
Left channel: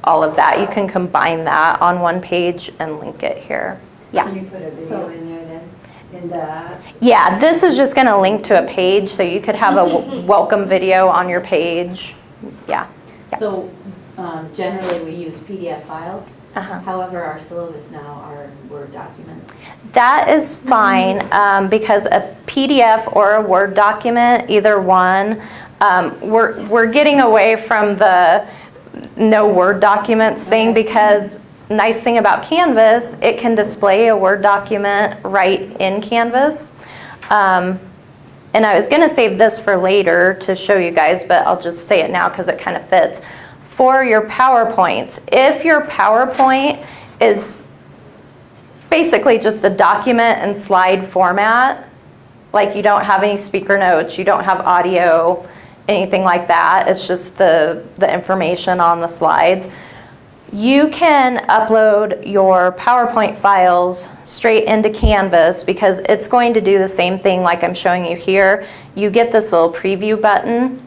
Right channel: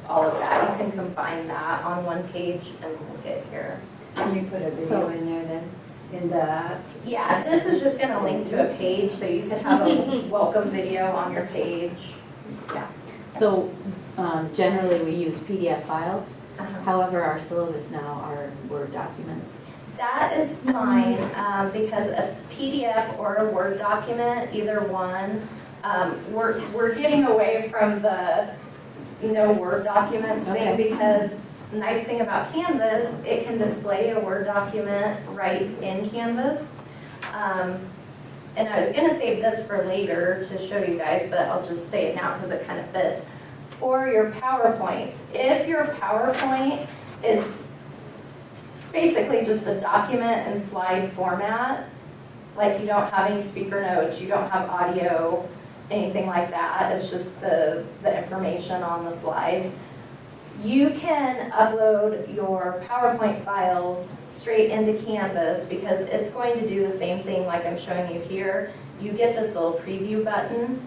all of that. You can combine that on one page and link it here. Yeah. Can you put a video in there then? In that? Yeah, this is just going to link to a page, so you could have a welcome video on your page. Yeah. So generally we use PDF files. Uh-huh. However, our syllabus now are Word documents. That is fine because a PDF or a Word document, either one, we're getting away from the no Word documents thing because nice thing about Canvas, it can display a Word document right in Canvas. And I was going to save this for later to show you guys, but I'll just say it now because it kind of fits. For your PowerPoints, if your PowerPoint is basically just a document and slide format, like you don't have any speaker notes, you don't have audio, anything like that, it's just the information on the slides, you can upload your PowerPoint files straight into Canvas because it's going to do the same thing like I'm showing you here. You get this little preview button,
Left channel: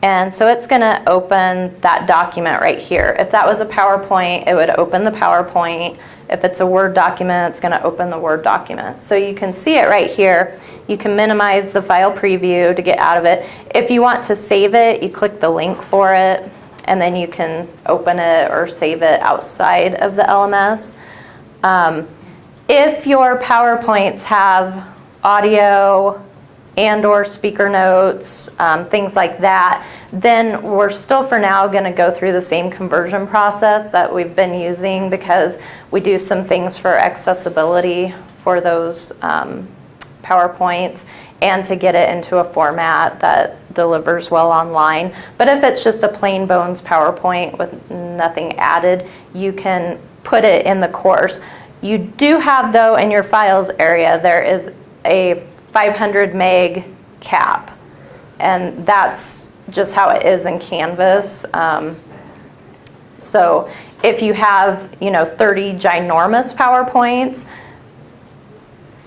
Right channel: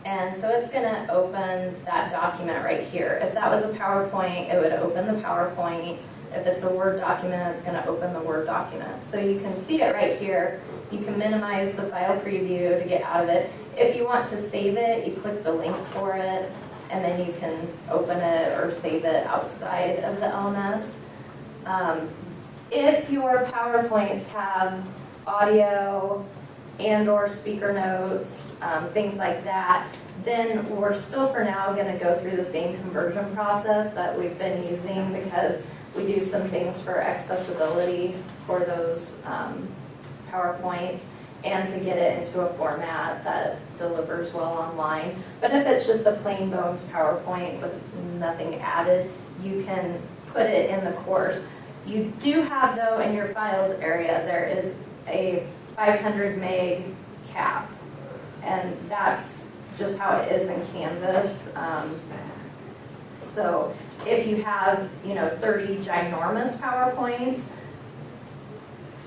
and so it's going to open that document right here. If that was a PowerPoint, it would open the PowerPoint. If it's a Word document, it's going to open the Word document. So you can see it right here. You can minimize the file preview to get out of it. If you want to save it, you click the link for it, and then you can open it or save it outside of the LMS. If your PowerPoints have audio and or speaker notes, things like that, then we're still for now going to go through the same conversion process that we've been using because we do some things for accessibility for those PowerPoints. and to get it into a format that delivers well online. But if it's just a plain bones PowerPoint with nothing added, you can put it in the course. You do have, though, in your files area, there is a 500 meg cap, and that's just how it is in Canvas. So if you have, 30 ginormous PowerPoints,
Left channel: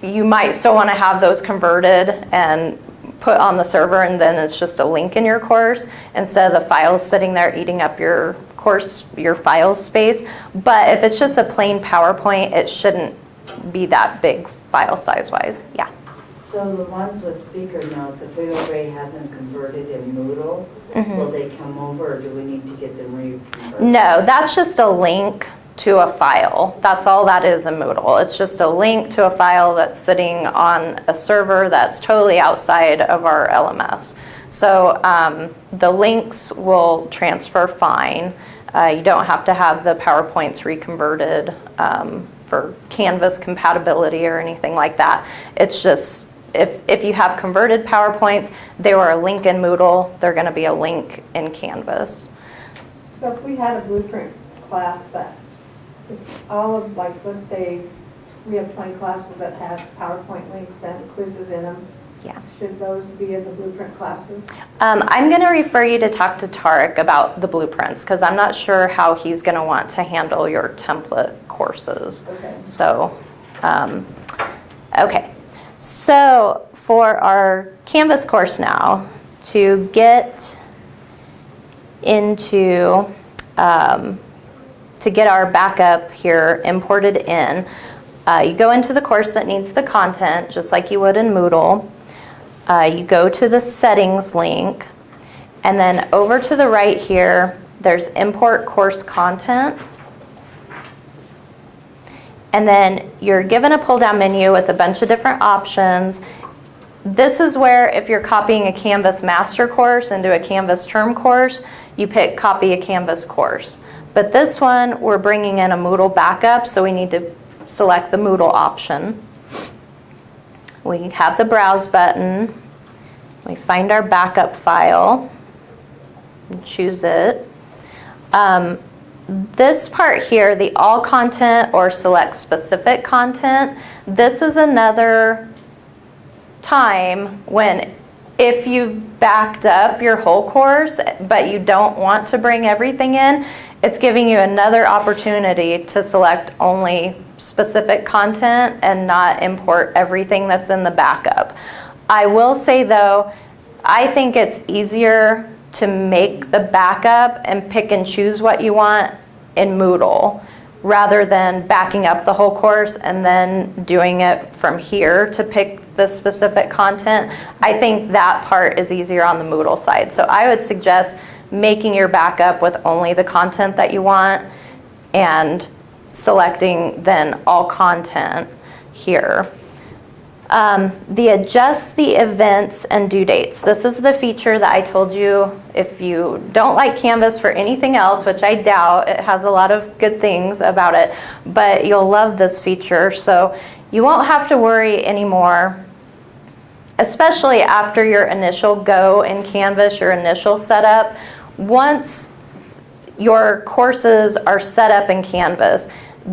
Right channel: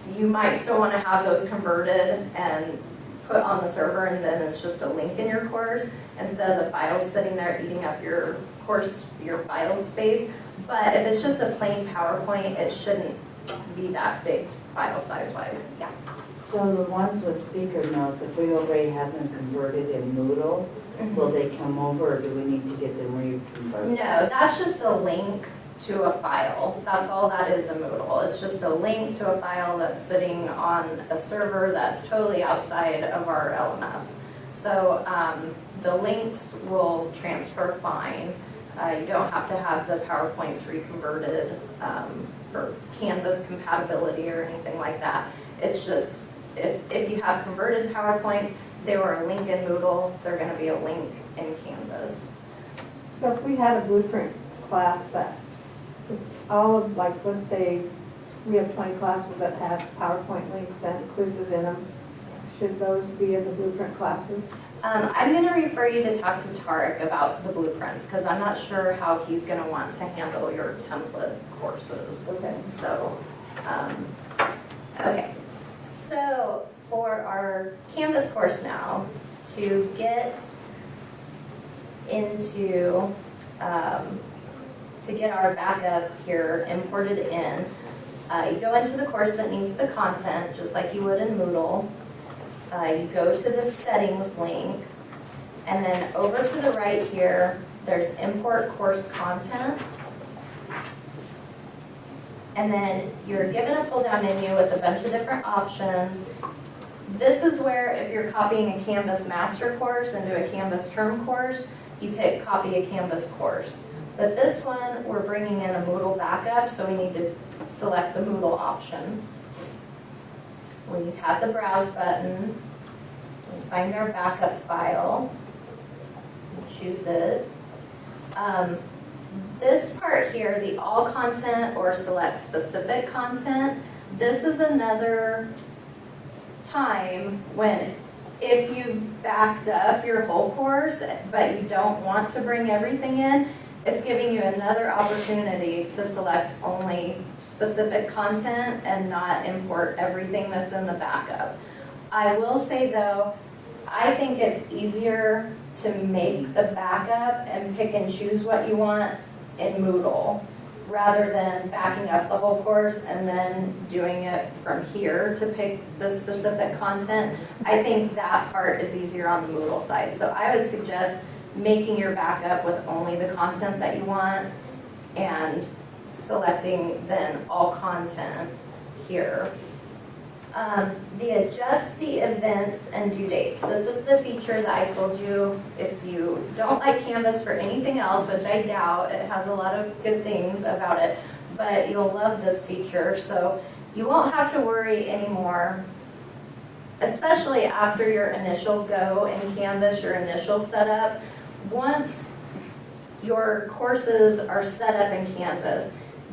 you might still want to have those converted and put on the server, and then it's just a link in your course instead of the files sitting there eating up your course, your files space. But if it's just a plain PowerPoint, it shouldn't be that big file size-wise. Yeah. So the ones with speaker notes, if we already have them converted in Moodle, will they come over, or do we need to get them reconverted? No, that's just a link to a file. That's all that is in Moodle. It's just a link to a file that's sitting on a server that's totally outside of our LMS. So the links will transfer fine. You don't have to have the PowerPoints reconverted for Canvas compatibility or anything like that. It's just, if you have converted PowerPoints, they were a link in Moodle, they're going to be a link in Canvas. So if we had a blueprint class that's all of, like, let's say we have 20 classes that have PowerPoint links and quizzes in them, Yeah. should those be in the blueprint classes? I'm going to refer you to talk to Tarek about the blueprints, because I'm not sure how he's going to want to handle your template courses. Okay. So, okay. So for our Canvas course now, to get into, to get our backup here imported in, you go into the course that needs the content, just like you would in Moodle. You go to the settings link, and then over to the right here, there's import course content. And then you're given a pull-down menu with a bunch of different options. This is where, if you're copying a Canvas master course into a Canvas term course, you pick copy a Canvas course. But this one, we're bringing in a Moodle backup, so we need to select the Moodle option. We have the browse button. We find our backup file and choose it. This part here, the all content or select specific content, this is another time when, if you've backed up your whole course but you don't want to bring everything in, it's giving you another opportunity to select only specific content and not import everything that's in the backup. I will say though, I think it's easier to make the backup and pick and choose what you want in Moodle rather than backing up the whole course and then doing it from here to pick the specific content. I think that part is easier on the Moodle side. So I would suggest making your backup with only the content that you want and selecting then all content here. The adjust the events and due dates. This is the feature that I told you, if you don't like Canvas for anything else, which I doubt, it has a lot of good things about it, but you'll love this feature. So you won't have to worry anymore, especially after your initial go in Canvas, your initial setup. Once your courses are set up in Canvas,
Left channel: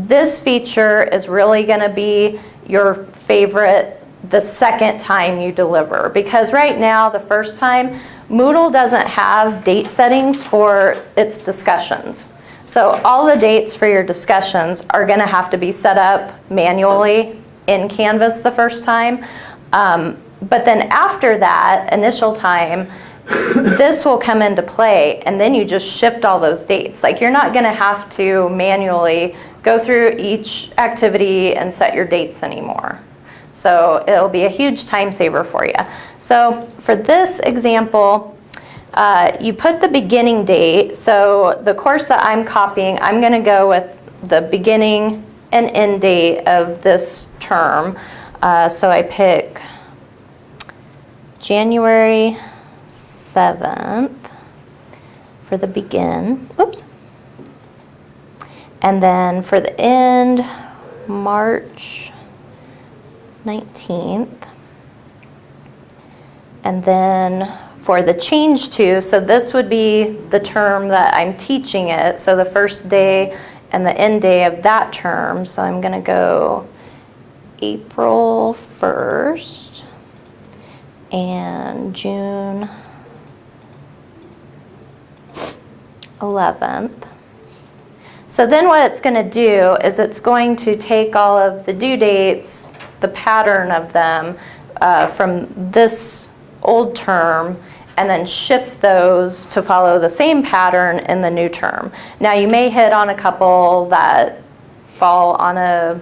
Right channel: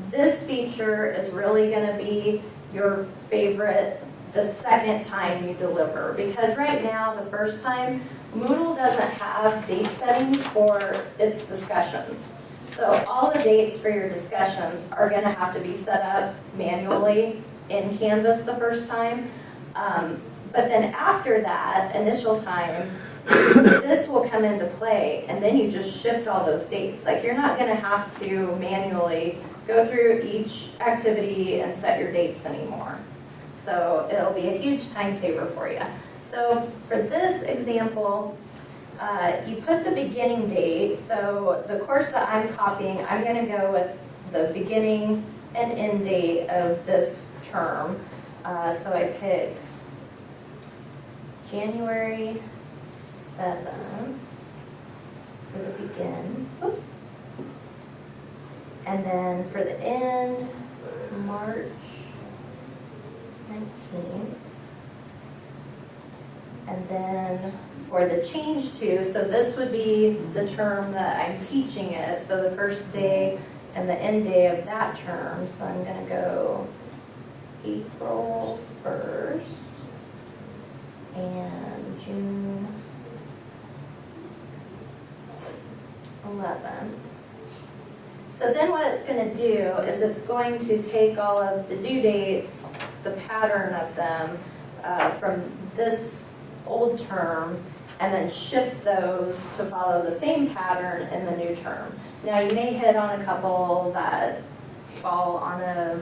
this feature is really going to be your favorite the second time you deliver, because right now, the first time, Moodle doesn't have date settings for its discussions. So all the dates for your discussions are going to have to be set up manually in Canvas the first time. But then after that initial time, this will come into play, and then you just shift all those dates. Like, you're not going to have to manually go through each activity and set your dates anymore. So it'll be a huge time saver for you. So for this example, you put the beginning date. So the course that I'm copying, I'm going to go with the beginning and end date of this term. So I pick January 7th for the begin. Oops. And then for the end, March 19th. And then for the change to, so this would be the term that I'm teaching it, so the first day and the end day of that term. So I'm going to go April 1st and June 11th. So then what it's going to do is it's going to take all of the due dates, the pattern of them from this old term, and then shift those to follow the same pattern in the new term. Now you may hit on a couple that fall on a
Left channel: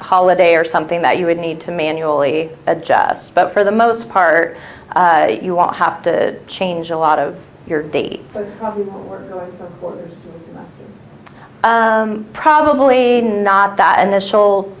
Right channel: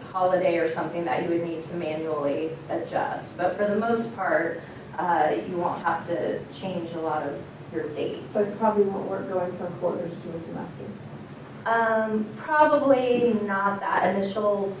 holiday or something that you would need to manually adjust, but for the most part, you won't have to change a lot of your dates. But it probably won't work going from quarters to a semester. Probably not that initial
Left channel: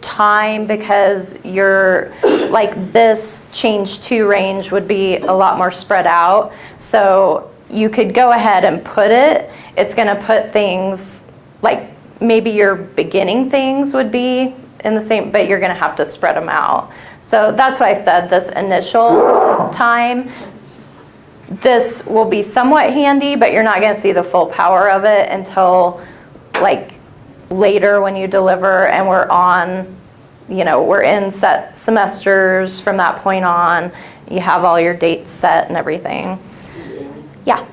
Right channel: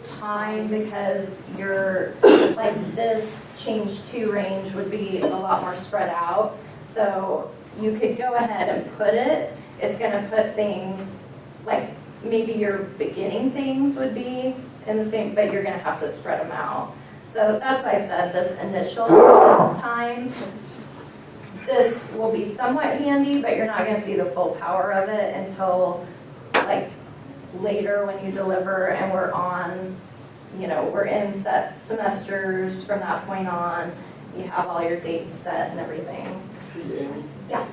time, because you're like this change to range would be a lot more spread out. So you could go ahead and put it. It's going to put things like maybe your beginning things would be in the same, but you're going to have to spread them out. So that's why I said this initial time. This will be somewhat handy, but you're not going to see the full power of it until like later when you deliver and we're on, we're in set semesters from that point on. You have all your dates set and everything. Yeah.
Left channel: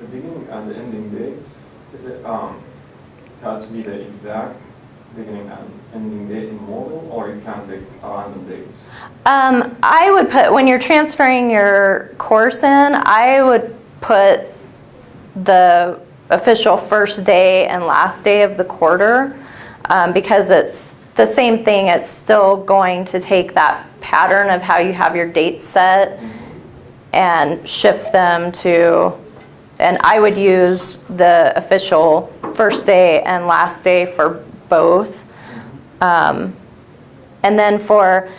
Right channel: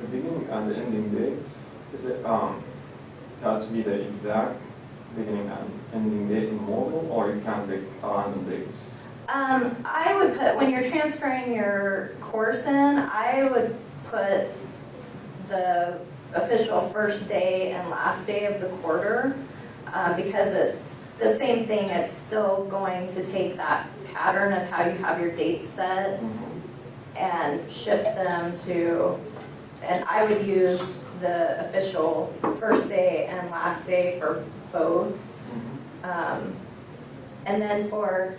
The beginning and the ending dates, is it has to be the exact beginning and ending date in Moodle, or you can pick random dates? I would put, when you're transferring your course in, I would put the official first day and last day of the quarter, because it's the same thing. It's still going to take that pattern of how you have your dates set and shift them to, and I would use the official first day and last day for both. And then for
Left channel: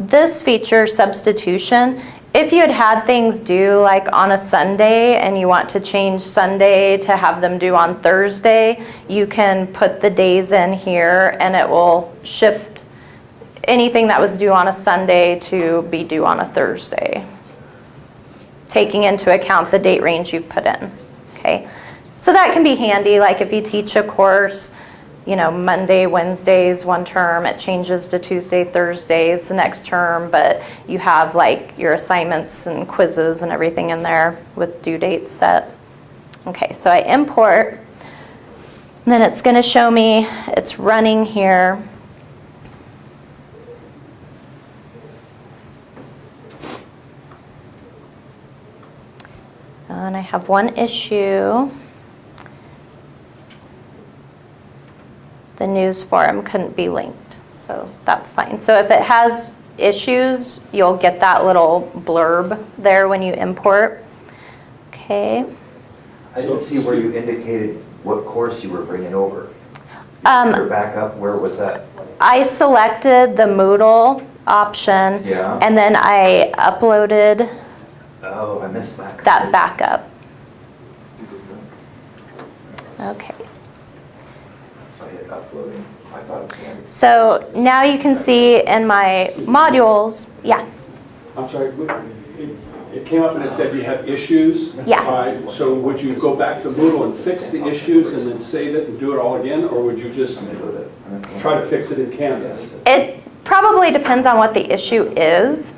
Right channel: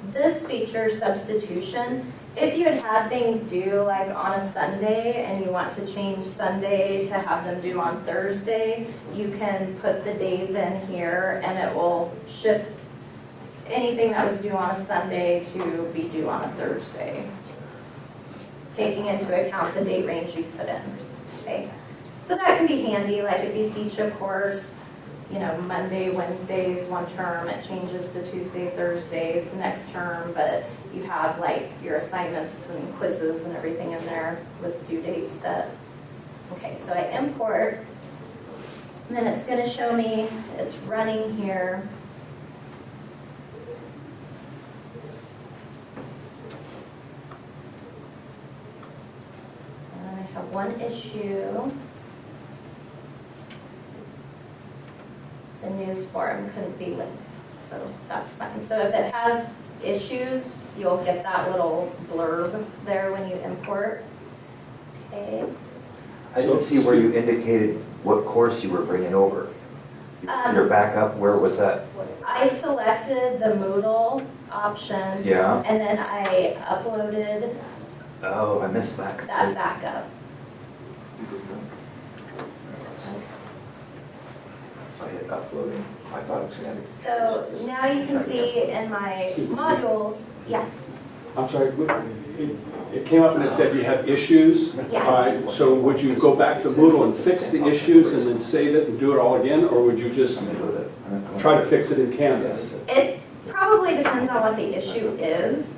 this feature, substitution, if you had things due like on a Sunday and you want to change Sunday to have them due on Thursday, you can put the days in here and it will shift anything that was due on a Sunday to be due on a Thursday, taking into account the date range you've put in. Okay, so that can be handy, like if you teach a course, Monday, Wednesdays one term, it changes to Tuesday, Thursdays the next term, but you have like your assignments and quizzes and everything in there with due dates set. Okay, so I import, and then it's going to show me it's running here. And I have one issue. The news forum couldn't be linked, so that's fine. So if it has issues, you'll get that little blurb there when you import. Okay. I didn't see where you indicated what course you were bringing over. Your backup, where was that? I selected the Moodle option, Yeah. and then I uploaded Oh, I missed that. that backup. Okay. I hit uploading. I thought it was the end. So now you can see in my modules, yeah, I'm sorry, it came up and it said you have issues. Yeah. All right, so would you go back to Moodle and fix the issues and then save it and do it all again? Or would you just try to fix it in Canvas? it probably depends on what the issue is.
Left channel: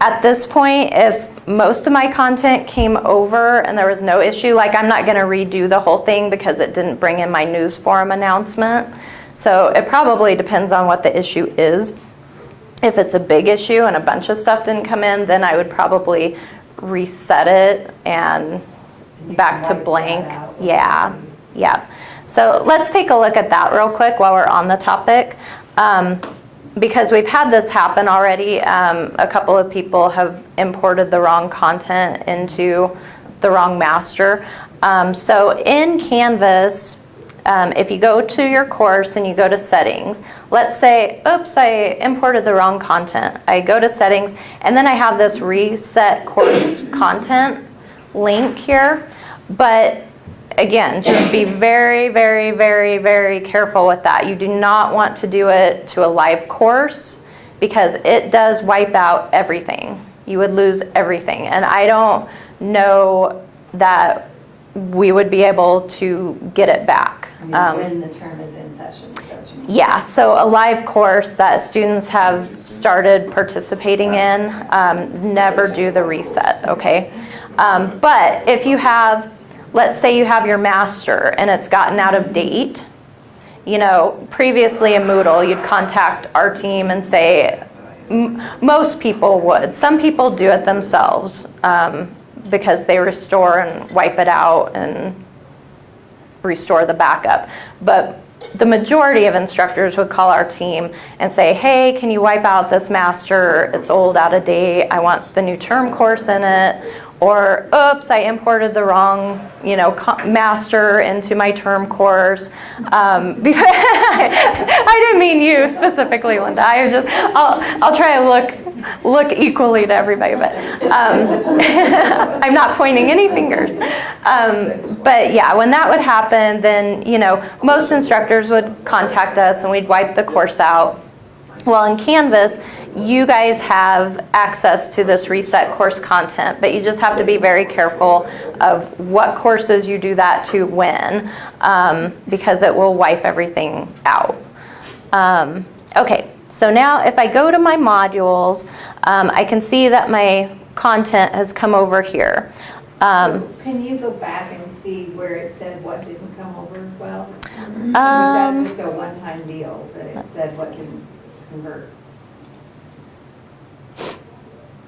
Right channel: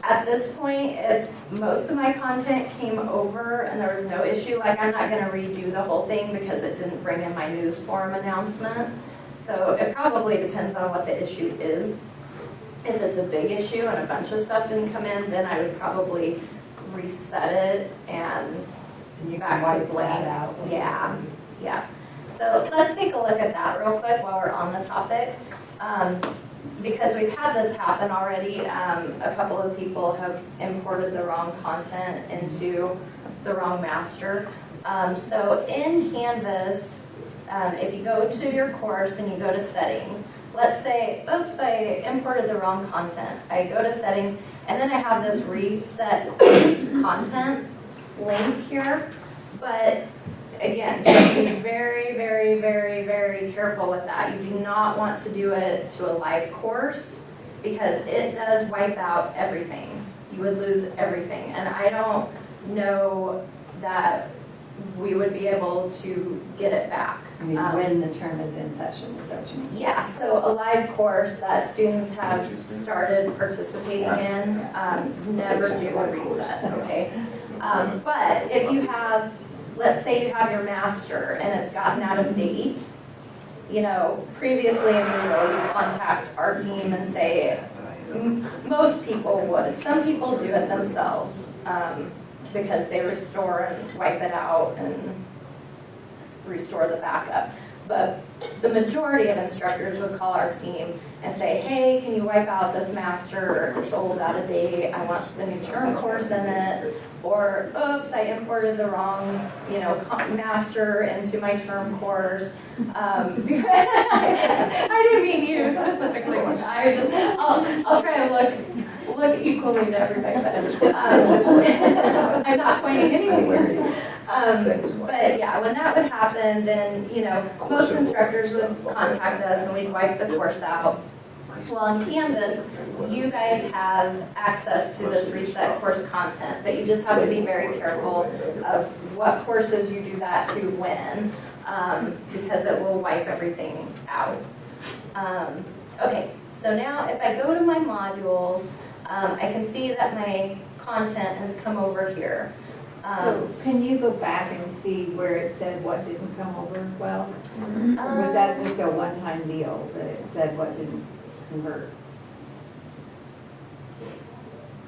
At this point, if most of my content came over and there was no issue, like I'm not going to redo the whole thing because it didn't bring in my news forum announcement. So it probably depends on what the issue is. If it's a big issue and a bunch of stuff didn't come in, then I would probably reset it and back to blank. Yeah, yeah. So let's take a look at that real quick while we're on the topic. Because we've had this happen already. A couple of people have imported the wrong content into the wrong master. So in Canvas, if you go to your course and you go to settings, let's say, oops, I imported the wrong content. I go to settings, and then I have this reset course content link here. But again, just be very, very, very, very careful with that. You do not want to do it to a live course. because it does wipe out everything. You would lose everything. And I don't know that we would be able to get it back. I mean, when the term is in session, is that what you mean? Yeah, so a live course that students have started participating in, never do the reset, okay? But if you have, let's say you have your master and it's gotten out of date, you know, previously in Moodle, you'd contact our team and say, most people would. Some people do it themselves because they restore and wipe it out and restore the backup. But the majority of instructors would call our team and say, hey, can you wipe out this master? It's old, out of date. I want the new term course in it. Or, oops, I imported the wrong, you know, master into my term course. I didn't mean you specifically, Linda. I'll try to look equally to everybody, but I'm not pointing any fingers. But yeah, when that would happen, then, you know, most instructors would contact us and we'd wipe the course out. Well, in Canvas, you guys have access to this reset course content, but you just have to be very careful of what courses you do that to when, because it will wipe everything out. Okay, so now if I go to my modules, I can see that my content has come over here. So can you go back and see where it said what didn't come over well? Or was that just a one-time deal that it said what didn't convert?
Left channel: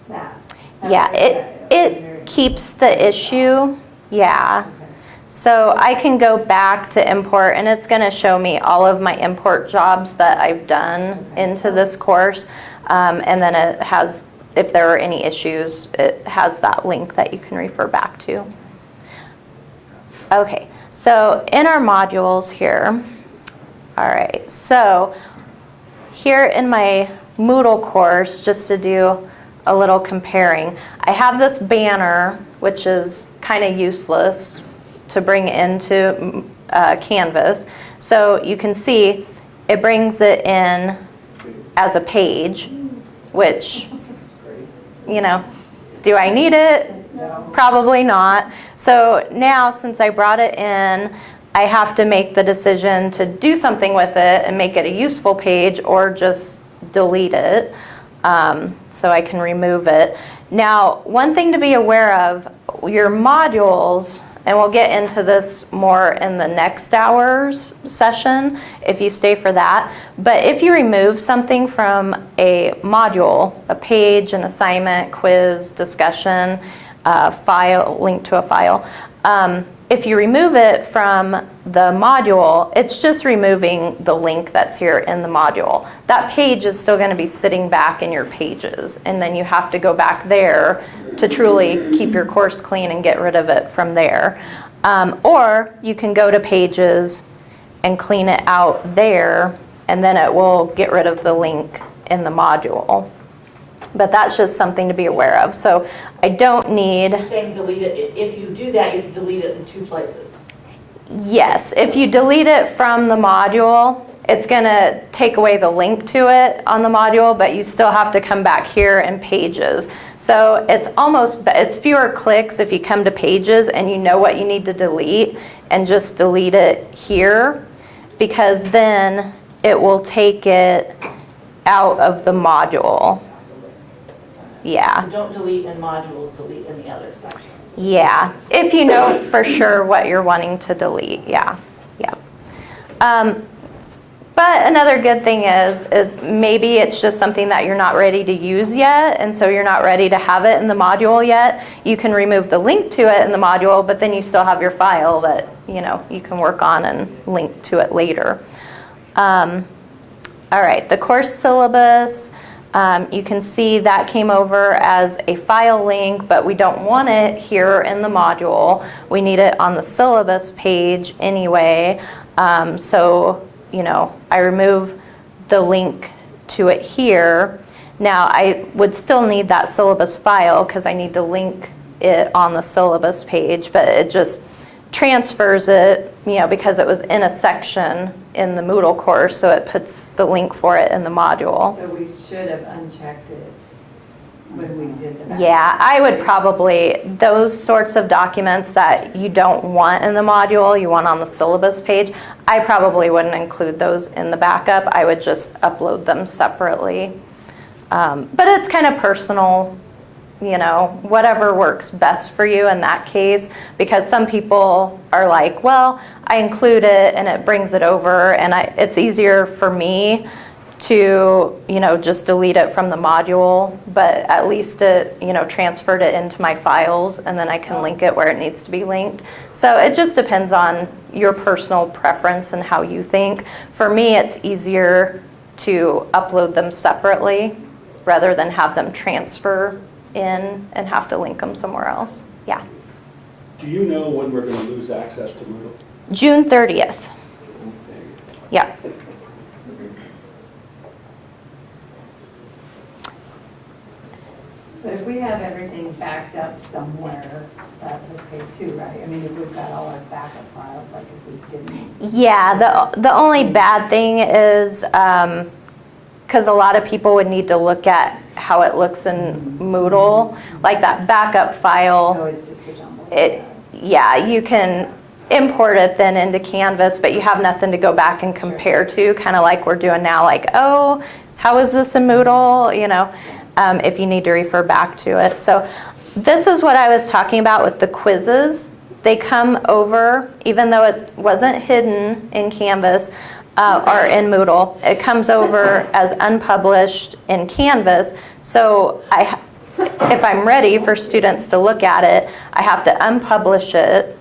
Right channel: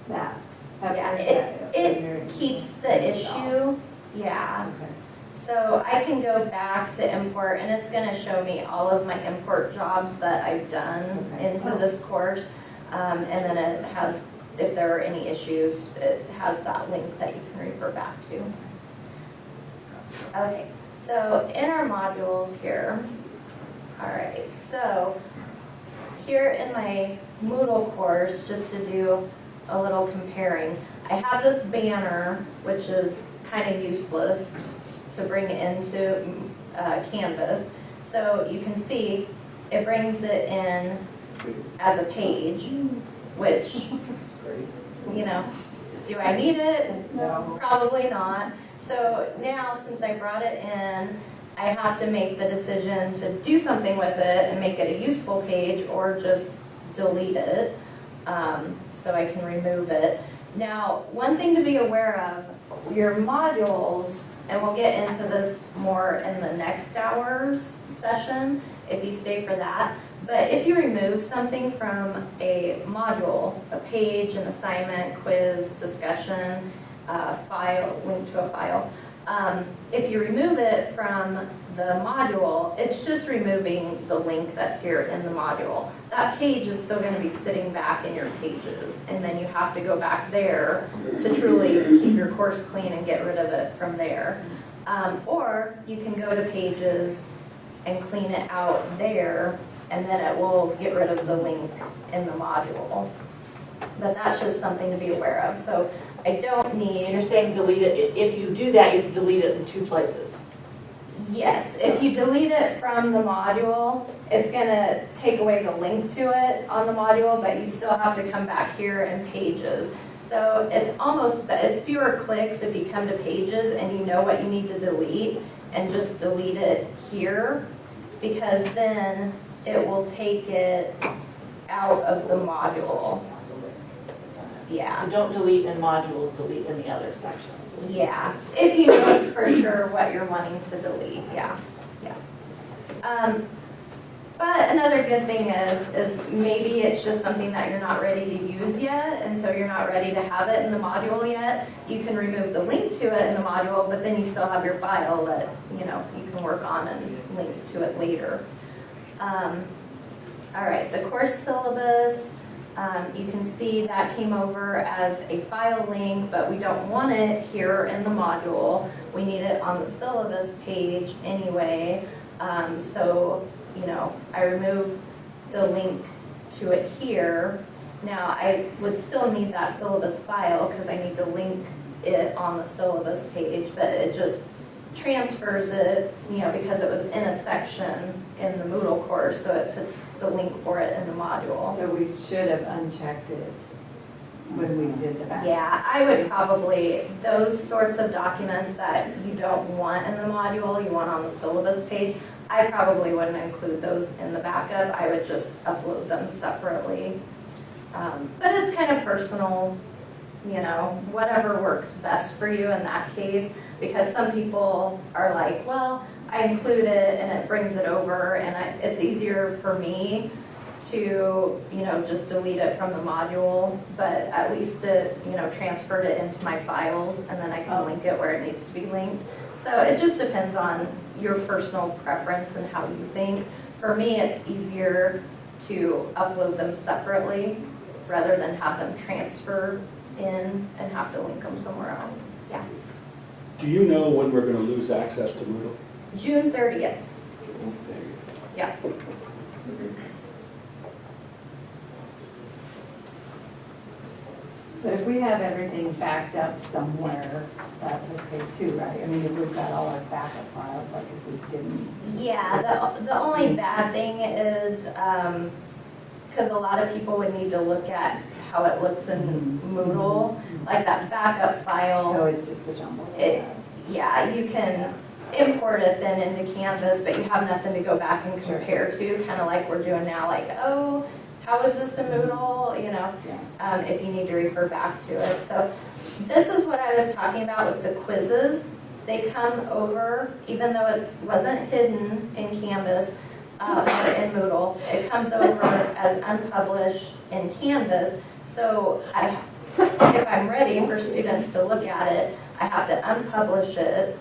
That. Yeah, it keeps the issue, yeah. Okay. So I can go back to import and it's gonna show me all of my import jobs that I've done into this course. And then it has, if there are any issues, it has that link that you can refer back to. Okay, so in our modules here, all right, so here in my Moodle course, just to do a little comparing, I have this banner, which is kind of useless to bring into Canvas. So you can see it brings it in as a page, which, you know, do I need it? No. Probably not. So now, since I brought it in, I have to make the decision to do something with it and make it a useful page or just delete it. So I can remove it. Now, one thing to be aware of, your modules, and we'll get into this more in the next hour's session if you stay for that, but if you remove something from a module, a page, an assignment, quiz, discussion, file, link to a file, if you remove it from the module, it's just removing the link that's here in the module. That page is still going to be sitting back in your pages, and then you have to go back there to truly keep your course clean and get rid of it from there. Or you can go to pages and clean it out there, and then it will get rid of the link in the module. But that's just something to be aware of. So I don't need... You're saying delete it, if you do that, you have to delete it in 2 places. Yes, if you delete it from the module, it's going to take away the link to it on the module, but you still have to come back here in pages. So it's fewer clicks if you come to pages and you know what you need to delete and just delete it here, because then it will take it out of the module. Yeah. So don't delete in modules, delete in the other sections. Yeah, if you know for sure what you're wanting to delete, yeah. But another good thing is maybe it's just something that you're not ready to use yet, and so you're not ready to have it in the module yet. You can remove the link to it in the module, but then you still have your file that, you know, you can work on and link to it later. All right, the course syllabus. You can see that came over as a file link, but we don't want it here in the module. We need it on the syllabus page anyway. So, you know, I remove the link to it here. Now, I would still need that syllabus file because I need to link it on the syllabus page, but it just transfers it, because it was in a section in the Moodle course, so it puts the link for it in the module. So we should have unchecked it when we did the backup. Yeah, I would probably, those sorts of documents that you don't want in the module, you want on the syllabus page, I probably wouldn't include those in the backup. I would just upload them separately. But it's kind of personal, whatever works best for you in that case, because some people are like, well, I include it and it brings it over, and it's easier for me to, just delete it from the module, but at least it, transferred it into my files, and then I can link it where it needs to be linked. So it just depends on your personal preference and how you think. For me, it's easier to upload them separately rather than have them transfer in and have to link them somewhere else. Yeah. Do you know when we're going to lose access to Moodle? June 30th. Yeah. But if we have everything backed up somewhere, that's okay too, right? I mean, if we've got all our backup files, like if we didn't. Yeah, the only bad thing is, because a lot of people would need to look at how it looks in Moodle, like that backup file. No, it's just a jumble. Yeah, you can import it then into Canvas, but you have nothing to go back and compare to, kind of like we're doing now, like, oh, how is this in Moodle, if you need to refer back to it. So this is what I was talking about with the quizzes. They come over, even though it wasn't hidden in Canvas or in Moodle, it comes over as unpublished in Canvas. So if I'm ready for students to look at it, I have to unpublish it.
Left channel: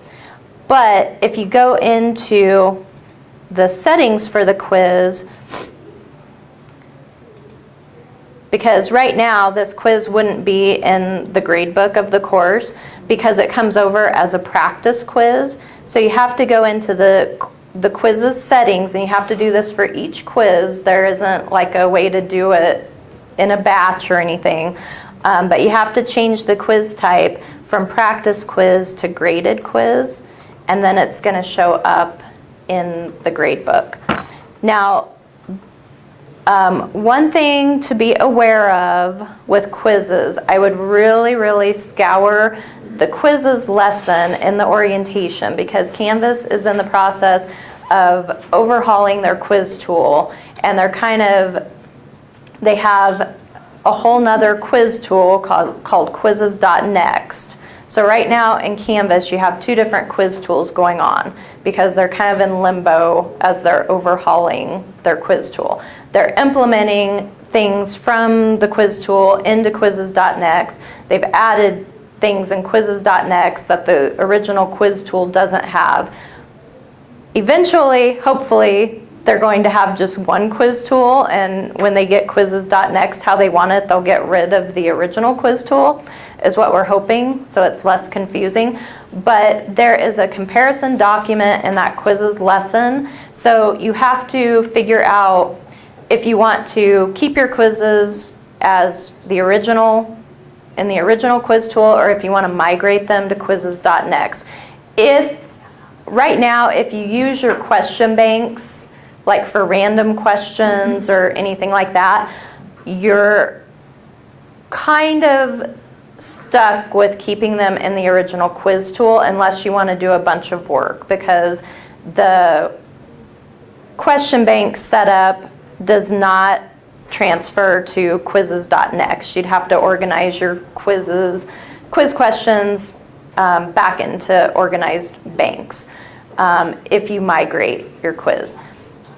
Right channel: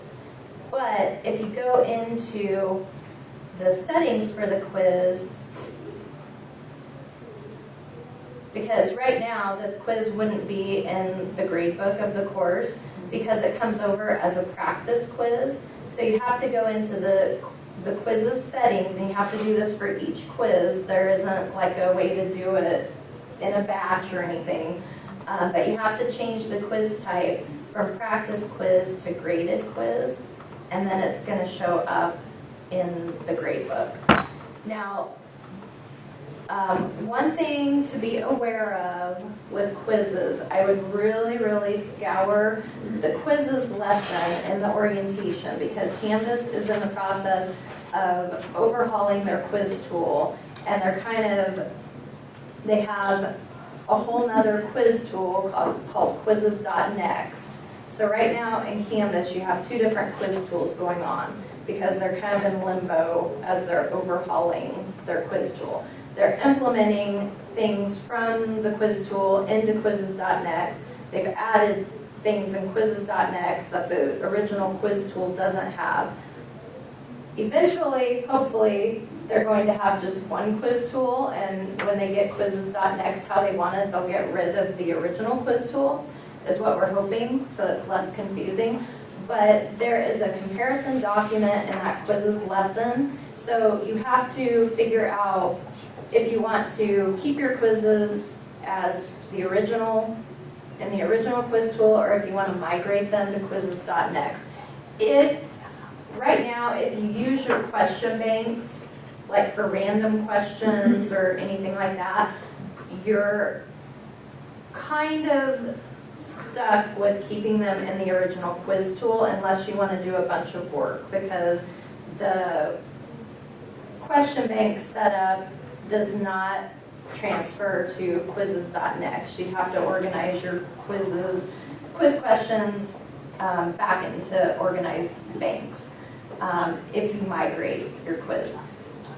But if you go into the settings for the quiz, because right now this quiz wouldn't be in the gradebook of the course because it comes over as a practice quiz. So you have to go into the quiz's settings, and you have to do this for each quiz. There isn't like a way to do it in a batch or anything. But you have to change the quiz type from practice quiz to graded quiz, and then it's going to show up in the gradebook. Now, one thing to be aware of with quizzes, I would really scour the quizzes lesson in the orientation, because Canvas is in the process of overhauling their quiz tool, and they have a whole nother quiz tool called quizzes.next. So right now in Canvas you have two different quiz tools going on because they're kind of in limbo as they're overhauling their quiz tool. They're implementing things from the quiz tool into quizzes.next. They've added things in quizzes.next that the original quiz tool doesn't have. Eventually, hopefully, they're going to have just one quiz tool, and when they get quizzes.next how they want it, they'll get rid of the original quiz tool, is what we're hoping, so it's less confusing. But there is a comparison document in that quizzes lesson, so you have to figure out if you want to keep your quizzes as the original, in the original quiz tool, or if you want to migrate them to quizzes.next. Right now, if you use your question banks, like for random questions or anything like that, you're kind of stuck with keeping them in the original quiz tool unless you want to do a bunch of work, because the question bank setup does not transfer to quizzes.next. You'd have to organize your quiz questions back into organized banks if you migrate your quiz.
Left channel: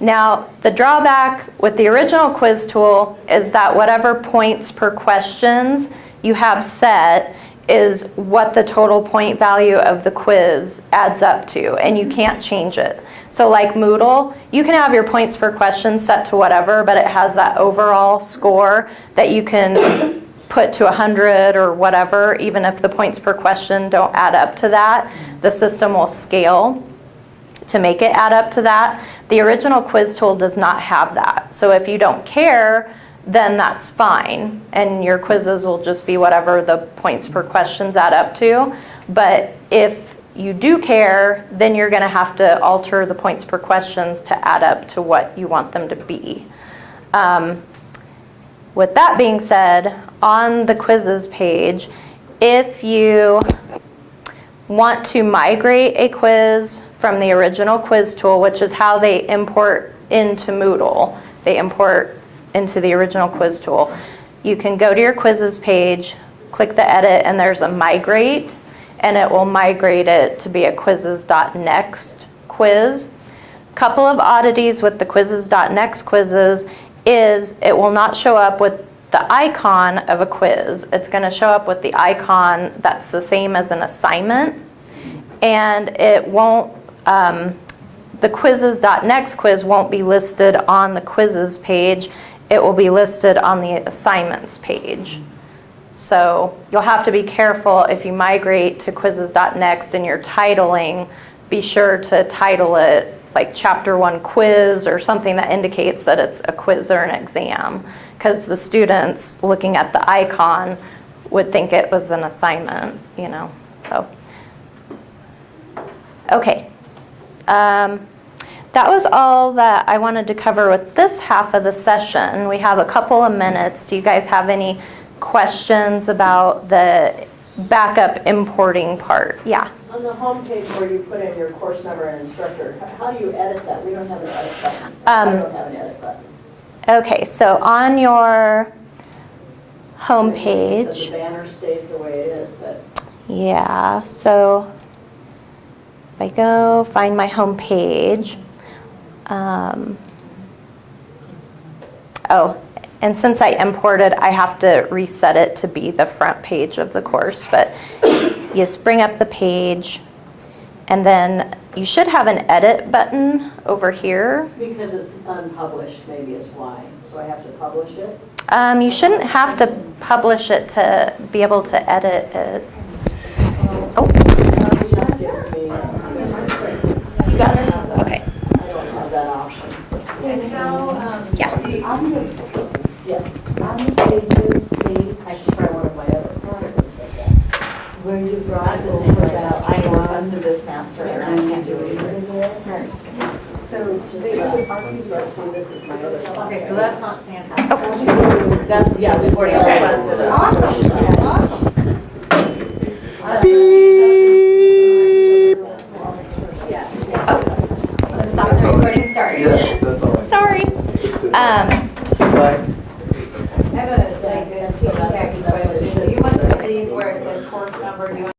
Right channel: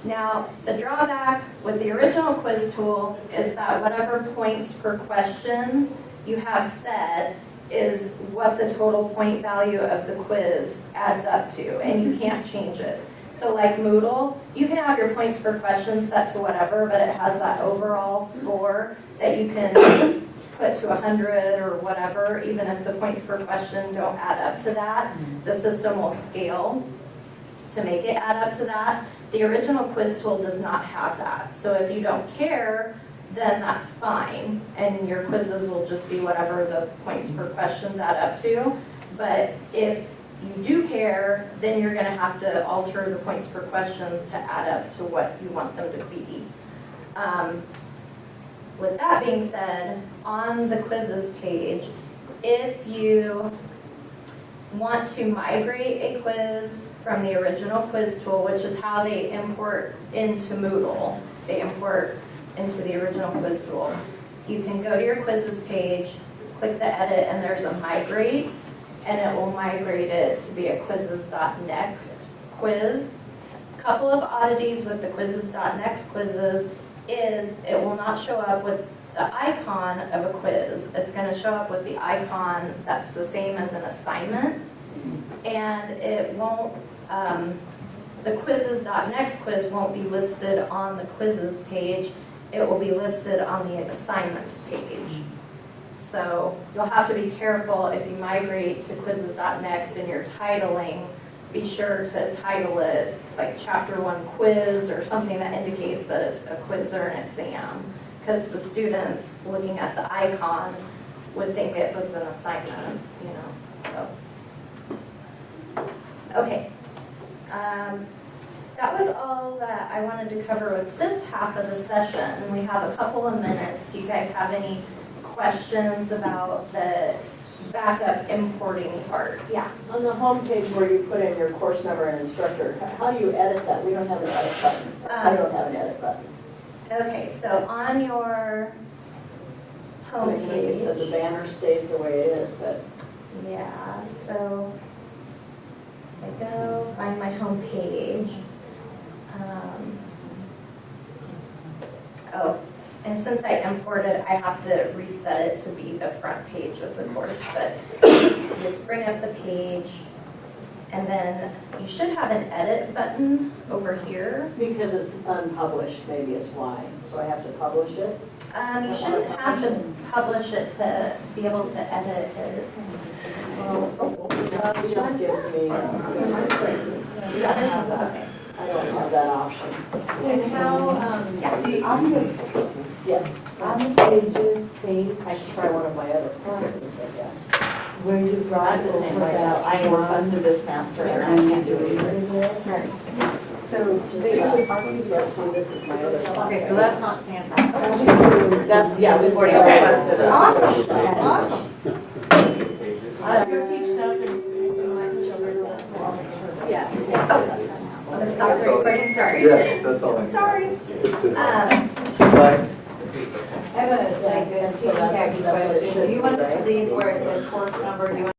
Now, the drawback with the original quiz tool is that whatever points per questions you have set is what the total point value of the quiz adds up to, and you can't change it. So like Moodle, you can have your points per question set to whatever, but it has that overall score that you can put to 100 or whatever, even if the points per question don't add up to that. The system will scale to make it add up to that. The original quiz tool does not have that. So if you don't care, then that's fine, and your quizzes will just be whatever the points per questions add up to. But if you do care, then you're going to have to alter the points per questions to add up to what you want them to be. With that being said, on the quizzes page, if you want to migrate a quiz from the original quiz tool, which is how they import into Moodle, they import into the original quiz tool, you can go to your quizzes page, click the edit, and there's a migrate, and it will migrate it to be a quizzes.next quiz. Couple of oddities with the quizzes.next quizzes is it will not show up with the icon of a quiz. It's going to show up with the icon that's the same as an assignment, and it won't, the quizzes.next quiz won't be listed on the quizzes page. It will be listed on the assignments page. So you'll have to be careful if you migrate to quizzes.next and you're titling, be sure to title it like Chapter 1 quiz or something that indicates that it's a quiz or an exam, because the students looking at the icon would think it was an assignment, you know, so. Okay. That was all that I wanted to cover with this half of the session. We have a couple of minutes. Do you guys have any questions about the backup importing part? Yeah. On the home page where you put in your course number and instructor, how do you edit that? We don't have an edit button. I don't have an edit button. Okay, so on your home So the page, banner stays the way it is, but yeah, so if I go find my home page, oh, and since I imported, I have to reset it to be the front page of the course, but you just bring up the page, and then you should have an edit button over here. because it's unpublished, maybe is why. So I have to publish it. You shouldn't have to publish it to be able to edit it. Oh, It just gives me, okay. I don't have that option. And how, Yeah. Yes. on the pages, I should try one of my other courses, I guess. where you brought I'm the same over way now. that I am a one, Syllabus master and I can't do it either. so This is my other class. Okay, so that's not standard. That's, yeah, this is Okay. requested. Awesome. Yeah. Stop the recording, sorry. Yeah, that's all. Sorry. Bye. I have a, like, a question. Do you want to leave where it says course number, do you want